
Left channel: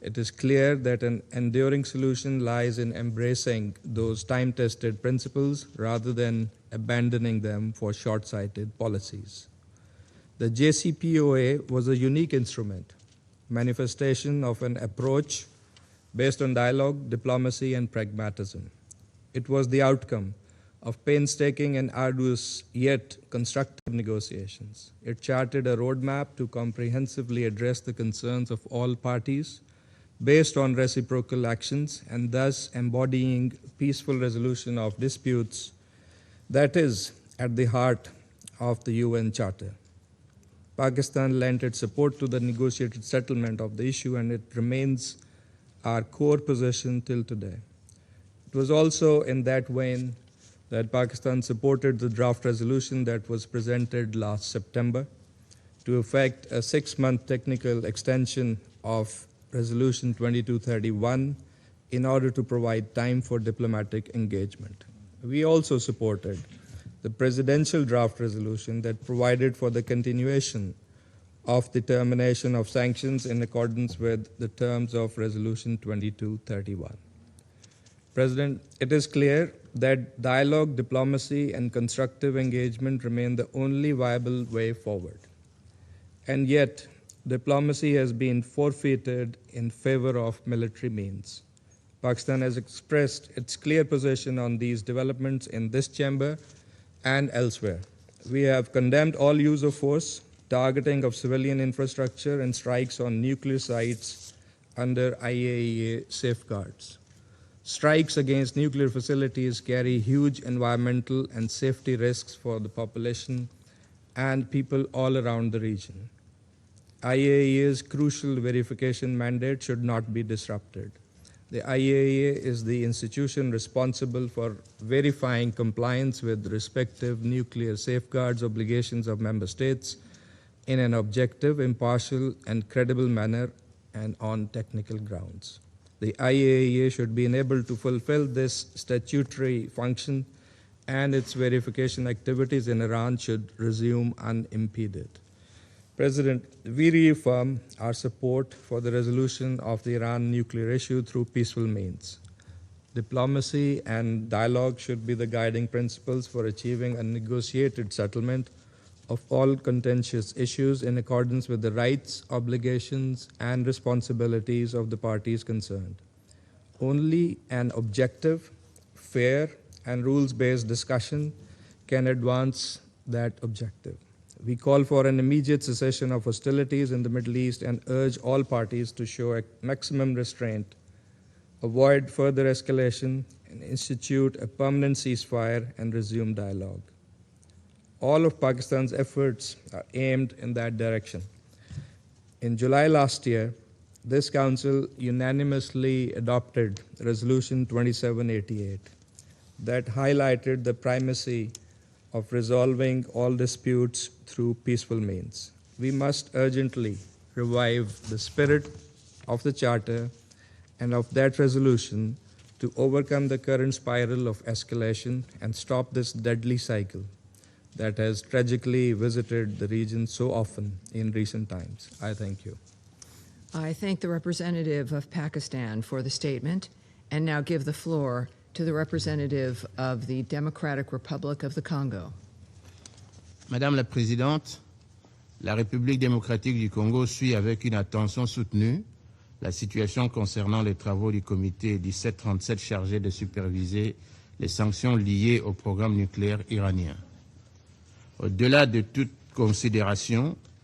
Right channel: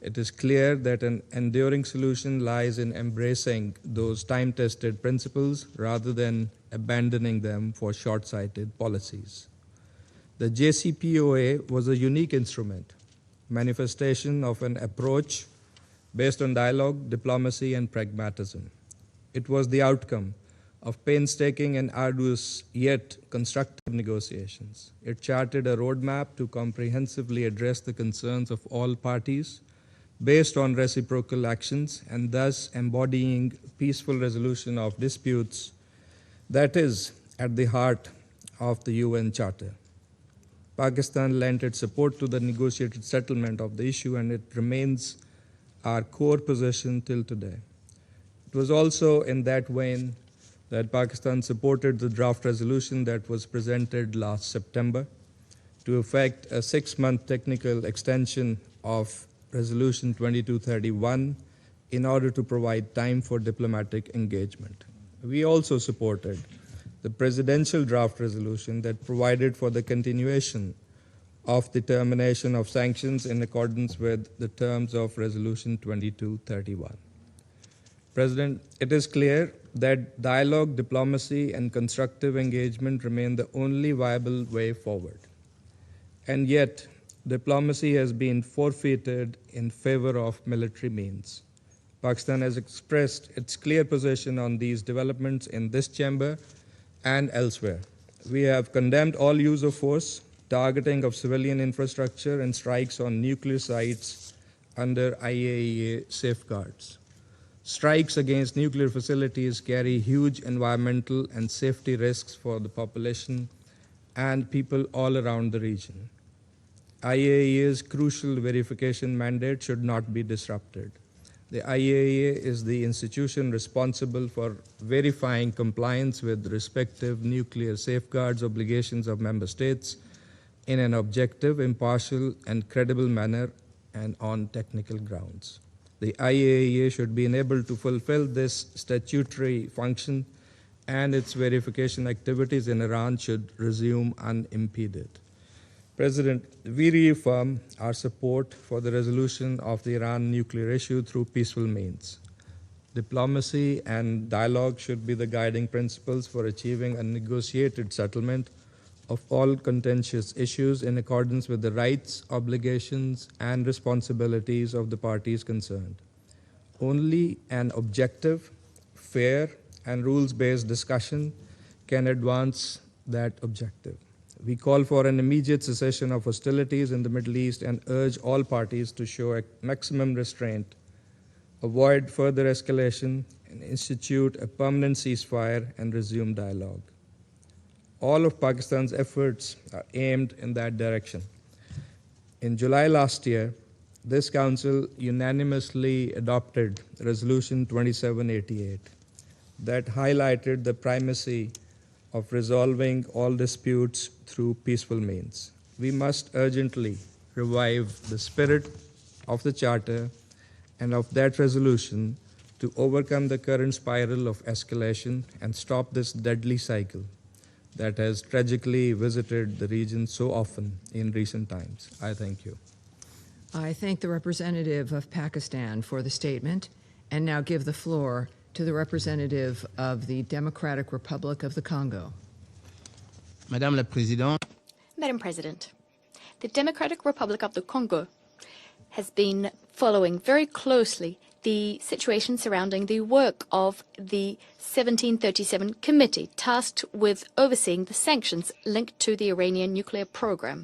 it is clear that an enduring solution lies in embracing those time-tested principles rather than abandoning them for short-sighted policies. The JCPOA was a unique instrument, manifestation of an approach based on dialogue, diplomacy, and pragmatism. It was the outcome of painstaking and arduous yet constructive negotiations. It charted a roadmap to comprehensively address the concerns of all parties based on reciprocal actions and thus embodying peaceful resolution of disputes that is at the heart of the UN Charter. Pakistan lent its support to the negotiated settlement of the issue, and it remains our core position till today. It was also in that vein that Pakistan supported the draft resolution that was presented last September to effect a 6-month technical extension of Resolution 2231 in order to provide time for diplomatic engagement. We also supported the presidential draft resolution that provided for the continuation of the termination of sanctions in accordance with the terms of Resolution 2231. President, it is clear that dialogue, diplomacy, and constructive engagement remain the only viable way forward. And yet, diplomacy has been forfeited in favor of military means. Pakistan has expressed its clear position on these developments in this chamber and elsewhere. We have condemned all use of force, targeting of civilian infrastructure, and strikes on nuclear sites under IAEA safeguards. Strikes against nuclear facilities carry huge environmental and safety risks for the population and people all around the region. IAEA's crucial verification mandate should not be disrupted. The IAEA is the institution responsible for verifying compliance with respective nuclear safeguards obligations of member states in an objective, impartial, and credible manner and on technical grounds. The IAEA should be enabled to fulfill this statutory function, and its verification activities in Iran should resume unimpeded. President, we reaffirm our support for the resolution of the Iran nuclear issue through peaceful means. Diplomacy and dialogue should be the guiding principles for achieving a negotiated settlement of all contentious issues in accordance with the rights, obligations, and responsibilities of the parties concerned. Only an objective, fair, and rules-based discussion can advance that objective. We call for an immediate cessation of hostilities in the Middle East and urge all parties to show a maximum restraint, avoid further escalation, and institute a permanent ceasefire and resume dialogue. All of Pakistan's efforts are aimed in that direction. In July last year, this Council unanimously adopted Resolution 2788 that highlighted the primacy of resolving all disputes through peaceful means. We must urgently revive the spirit of the Charter and of that resolution to overcome the current spiral of escalation and stop this deadly cycle that has tragically visited the region so often in recent times. I thank you. I thank the representative of Pakistan for the statement and now give the floor to the representative of the Democratic Republic of the Congo. Madame la Présidente, Madam President, la République démocratique the du Democratic Congo suit Republic of avec the une Congo attention soutenue has been la situation following very concernant les travaux closely du comité the situation 1737 surrounding the chargé de work of superviser the les sanctions liées au 1737 programme committee nucléaire tasked iranien. with overseeing the sanctions Au-delà de linked to toute the Iranian nuclear considération, program.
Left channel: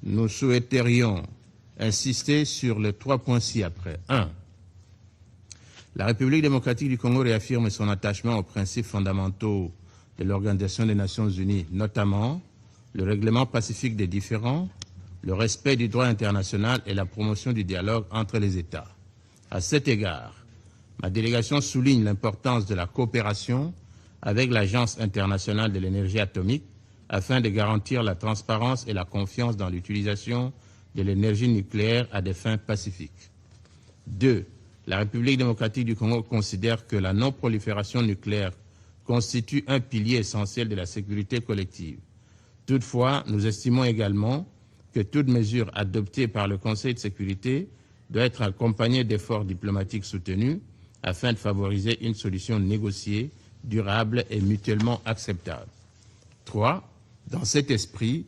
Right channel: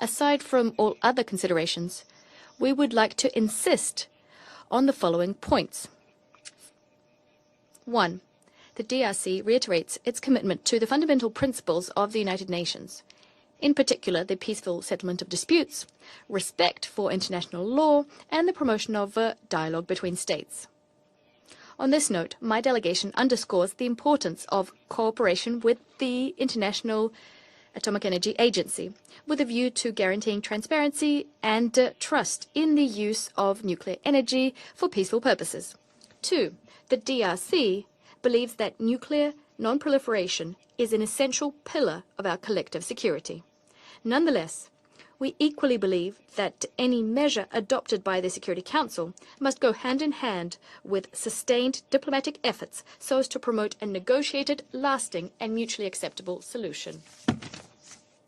nous Aside from all souhaiterions other considerations, insister we sur would les like trois to points ci-après. insist 1. on the following points. La République démocratique du Congo réaffirme son One, attachement aux the principes DRC fondamentaux reiterates its de commitment to l'Organisation the des fundamental Nations Unies, principles of the notamment United Nations, le règlement in pacifique des particular the différends, peaceful settlement of le respect disputes, du droit international respect et la for promotion du international dialogue law, entre and les the États. promotion of À dialogue cet between égard, states. ma délégation On souligne this note, my l'importance de la delegation coopération underscores the importance avec of l'Agence cooperation internationale de with l'énergie the atomique International afin de garantir Atomic la Energy transparence Agency, et la with a confiance view dans to l'utilisation guaranteeing de transparency l'énergie and nucléaire à des trust fins in the pacifiques. use of nuclear 2. energy for La peaceful République purposes. démocratique du Congo 2. considère que The la DRC non-prolifération nucléaire believes that nuclear constitue un pilier non-proliferation essentiel de la is an sécurité essential collective. pillar of our collective Toutefois, security. nous estimons également Nonetheless, que toute we mesure equally believe adoptée par le that Conseil de any measure sécurité adopted by doit the être Security accompagnée Council d'efforts must go hand diplomatiques in hand soutenus with afin de sustained favoriser une diplomatic solution efforts so négociée, as to promote a durable et negotiated, mutuellement lasting, and acceptable. mutually acceptable 3. solution. Dans cet esprit,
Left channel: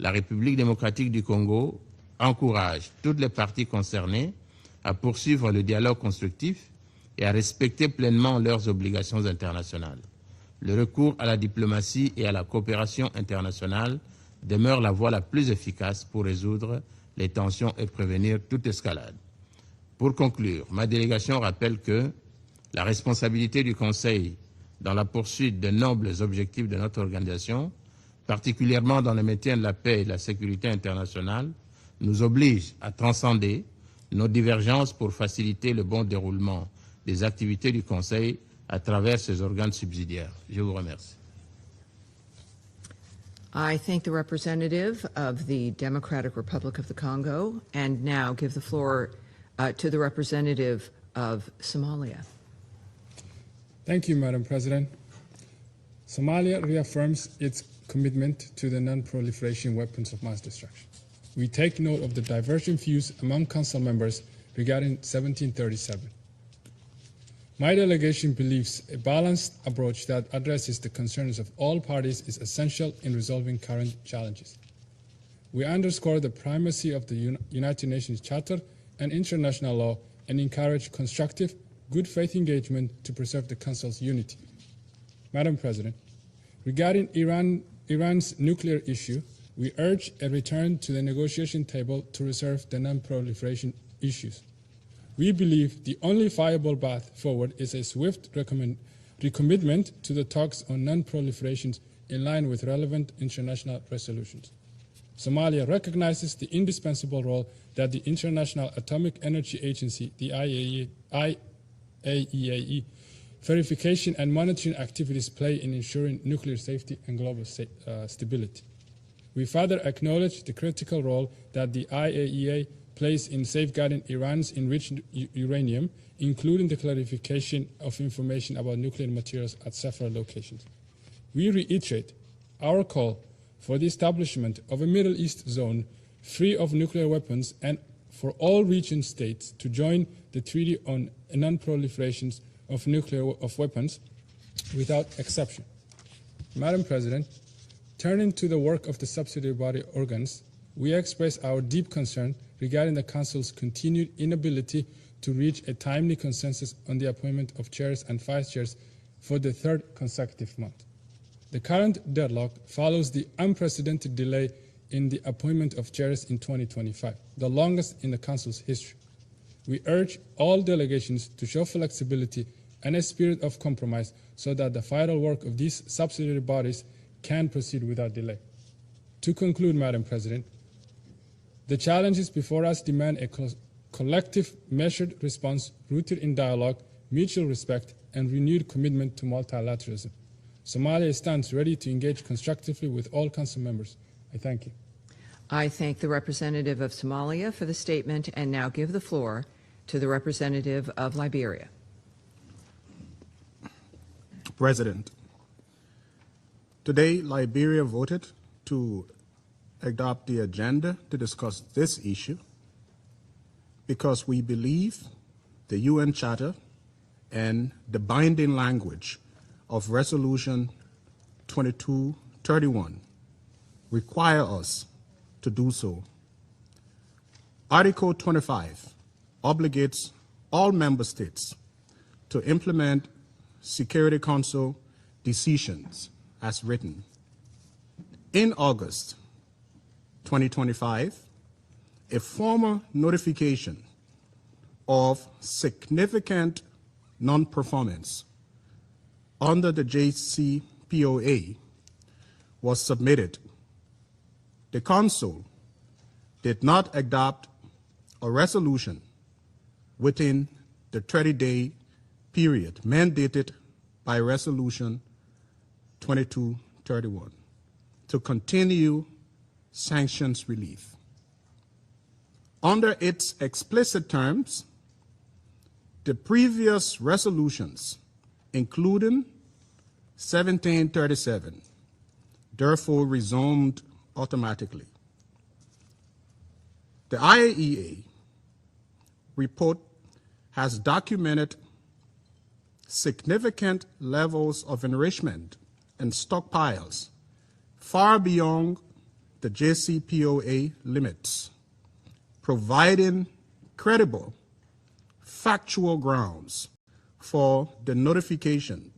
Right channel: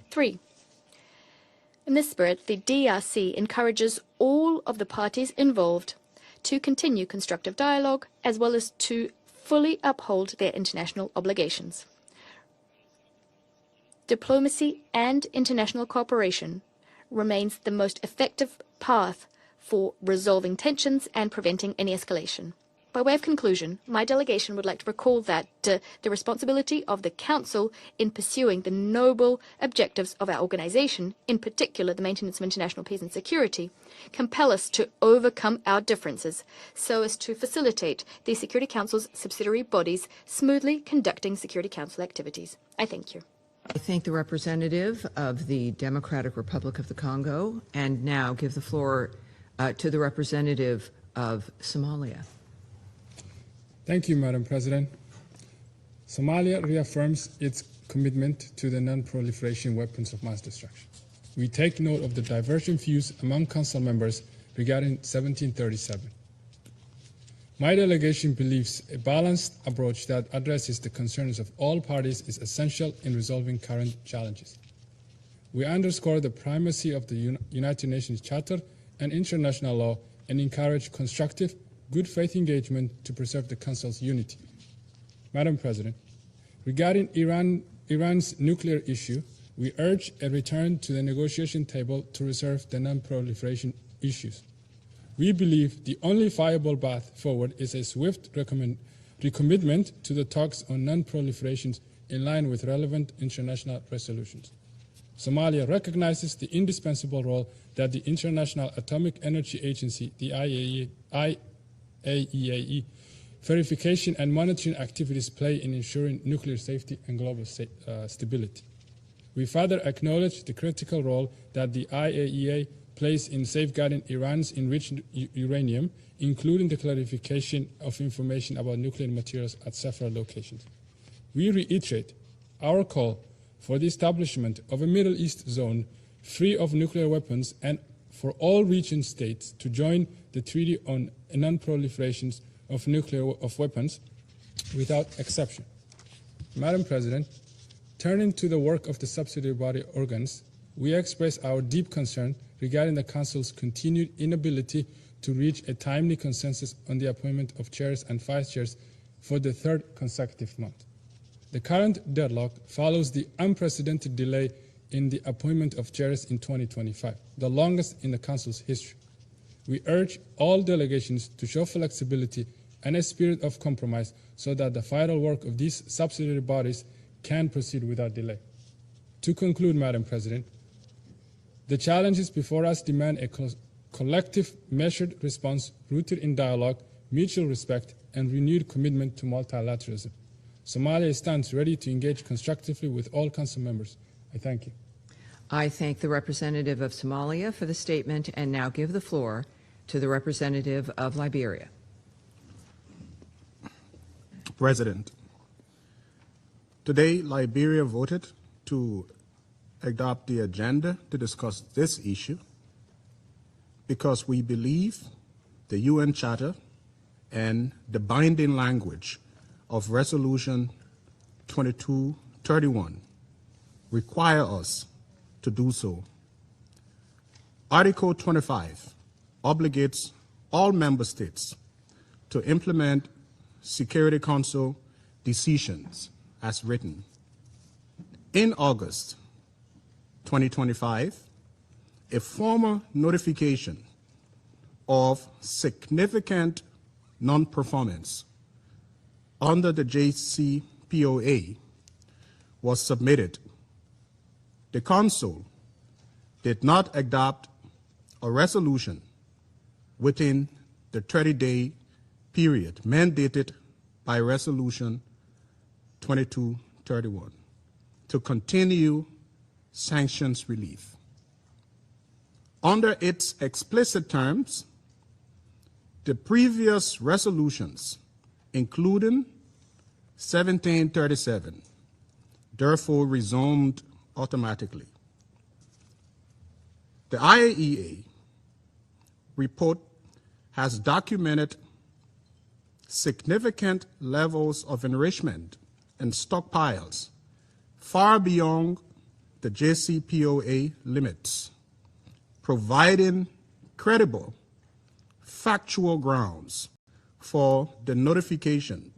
La 3. République démocratique du Congo In this spirit, the encourage toutes les DRC parties encourages concernées all of the à parties poursuivre le involved dialogue to constructif continue et à constructive respecter dialogue pleinement as well leurs as to obligations fully internationales. uphold their Le international recours à la obligations. diplomatie et à la coopération internationale Diplomacy demeure la voie la and plus international efficace pour cooperation résoudre les remains the tensions et most prévenir effective toute escalade. path for Pour resolving conclure, ma tensions and délégation preventing rappelle any que escalation. la By way of responsabilité du conclusion, my Conseil delegation would like to dans la recall that poursuite de the nobles objectifs de responsibility notre of the organisation, Council in pursuing the particulièrement dans le noble maintien de la paix et de objectives la of our sécurité organization, in internationale, particular the nous maintenance of oblige international à peace and transcender security, nos compel us divergences to pour overcome faciliter our le bon differences déroulement so as des to activités du facilitate Conseil the Security à Council's travers ses subsidiary organes bodies subsidiaires. Je vous smoothly remercie. conducting Security Council activities. I thank you. I thank the representative of the Democratic Republic of the Congo and now give the floor to the representative of Somalia. Thank you, Madam President. Somalia reaffirms its commitment to the non-proliferation weapons of mass destruction. We take note of the divergent views among Council members regarding 1737. My delegation believes a balanced approach that addresses the concerns of all parties is essential in resolving current challenges. We underscore the primacy of the United Nations Charter and international law and encourage constructive, good faith engagement to preserve the Council's unity. Madam President, regarding Iran's nuclear issue, we urge a return to the negotiation table to resolve the non-proliferation issues. We believe the only viable path forward is a swift recommitment to the talks on non-proliferation in line with relevant international resolutions. Somalia recognizes the indispensable role that the International Atomic Energy Agency, the IAEA, verification and monitoring activities play in ensuring nuclear safety and global stability. We further acknowledge the critical role that the IAEA plays in safeguarding Iran's enriched uranium, including the clarification of information about nuclear materials at several locations. We reiterate our call for the establishment of a Middle East zone free of nuclear weapons and for all region states to join the Treaty on Non-Proliferation of Weapons without exception. Madam President, turning to the work of the subsidiary body organs, we express our deep concern regarding the Council's continued inability to reach a timely consensus on the appointment of chairs and vice chairs for the third consecutive month. The current deadlock follows the unprecedented delay in the appointment of chairs in 2025, the longest in the Council's history. We urge all delegations to show flexibility and a spirit of compromise so that the vital work of these subsidiary bodies can proceed without delay. To conclude, Madam President, the challenges before us demand a collective, measured response rooted in dialogue, mutual respect, and renewed commitment to multilateralism. Somalia stands ready to engage constructively with all Council members. I thank you. I thank the representative of Somalia for the statement and now give the floor to the representative of Liberia. President, today Liberia voted to adopt the agenda to discuss this issue because we believe the UN Charter and the binding language of Resolution 2231 require us to do so. Article 25 obligates all member states to implement Security Council decisions as written. In August 2025, a formal notification of significant non-performance under the JCPOA was submitted. The Council did not adopt a resolution within the 30-day period mandated by Resolution 2231 to continue sanctions relief. Under its explicit terms, the previous resolutions, including 1737, therefore resumed automatically. The IAEA report has documented significant levels of enrichment and stockpiles far beyond the JCPOA limits, providing credible, factual grounds for the notification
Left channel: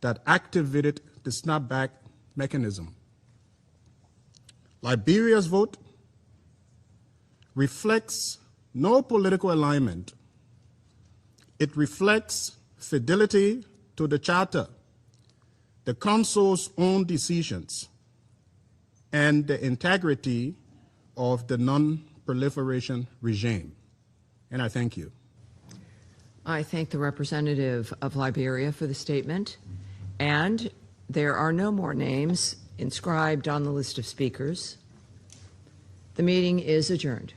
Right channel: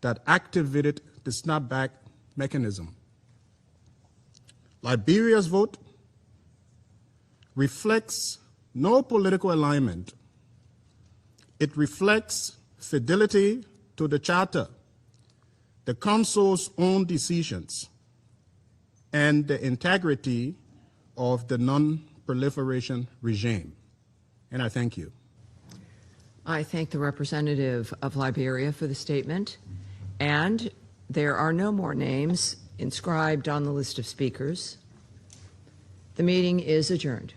that activated the snapback mechanism. Liberia's vote reflects no political alignment. It reflects fidelity to the Charter, the Council's own decisions, and the integrity of the non-proliferation regime. And I thank you. I thank the representative of Liberia for the statement, and there are no more names inscribed on the list of speakers. The meeting is adjourned.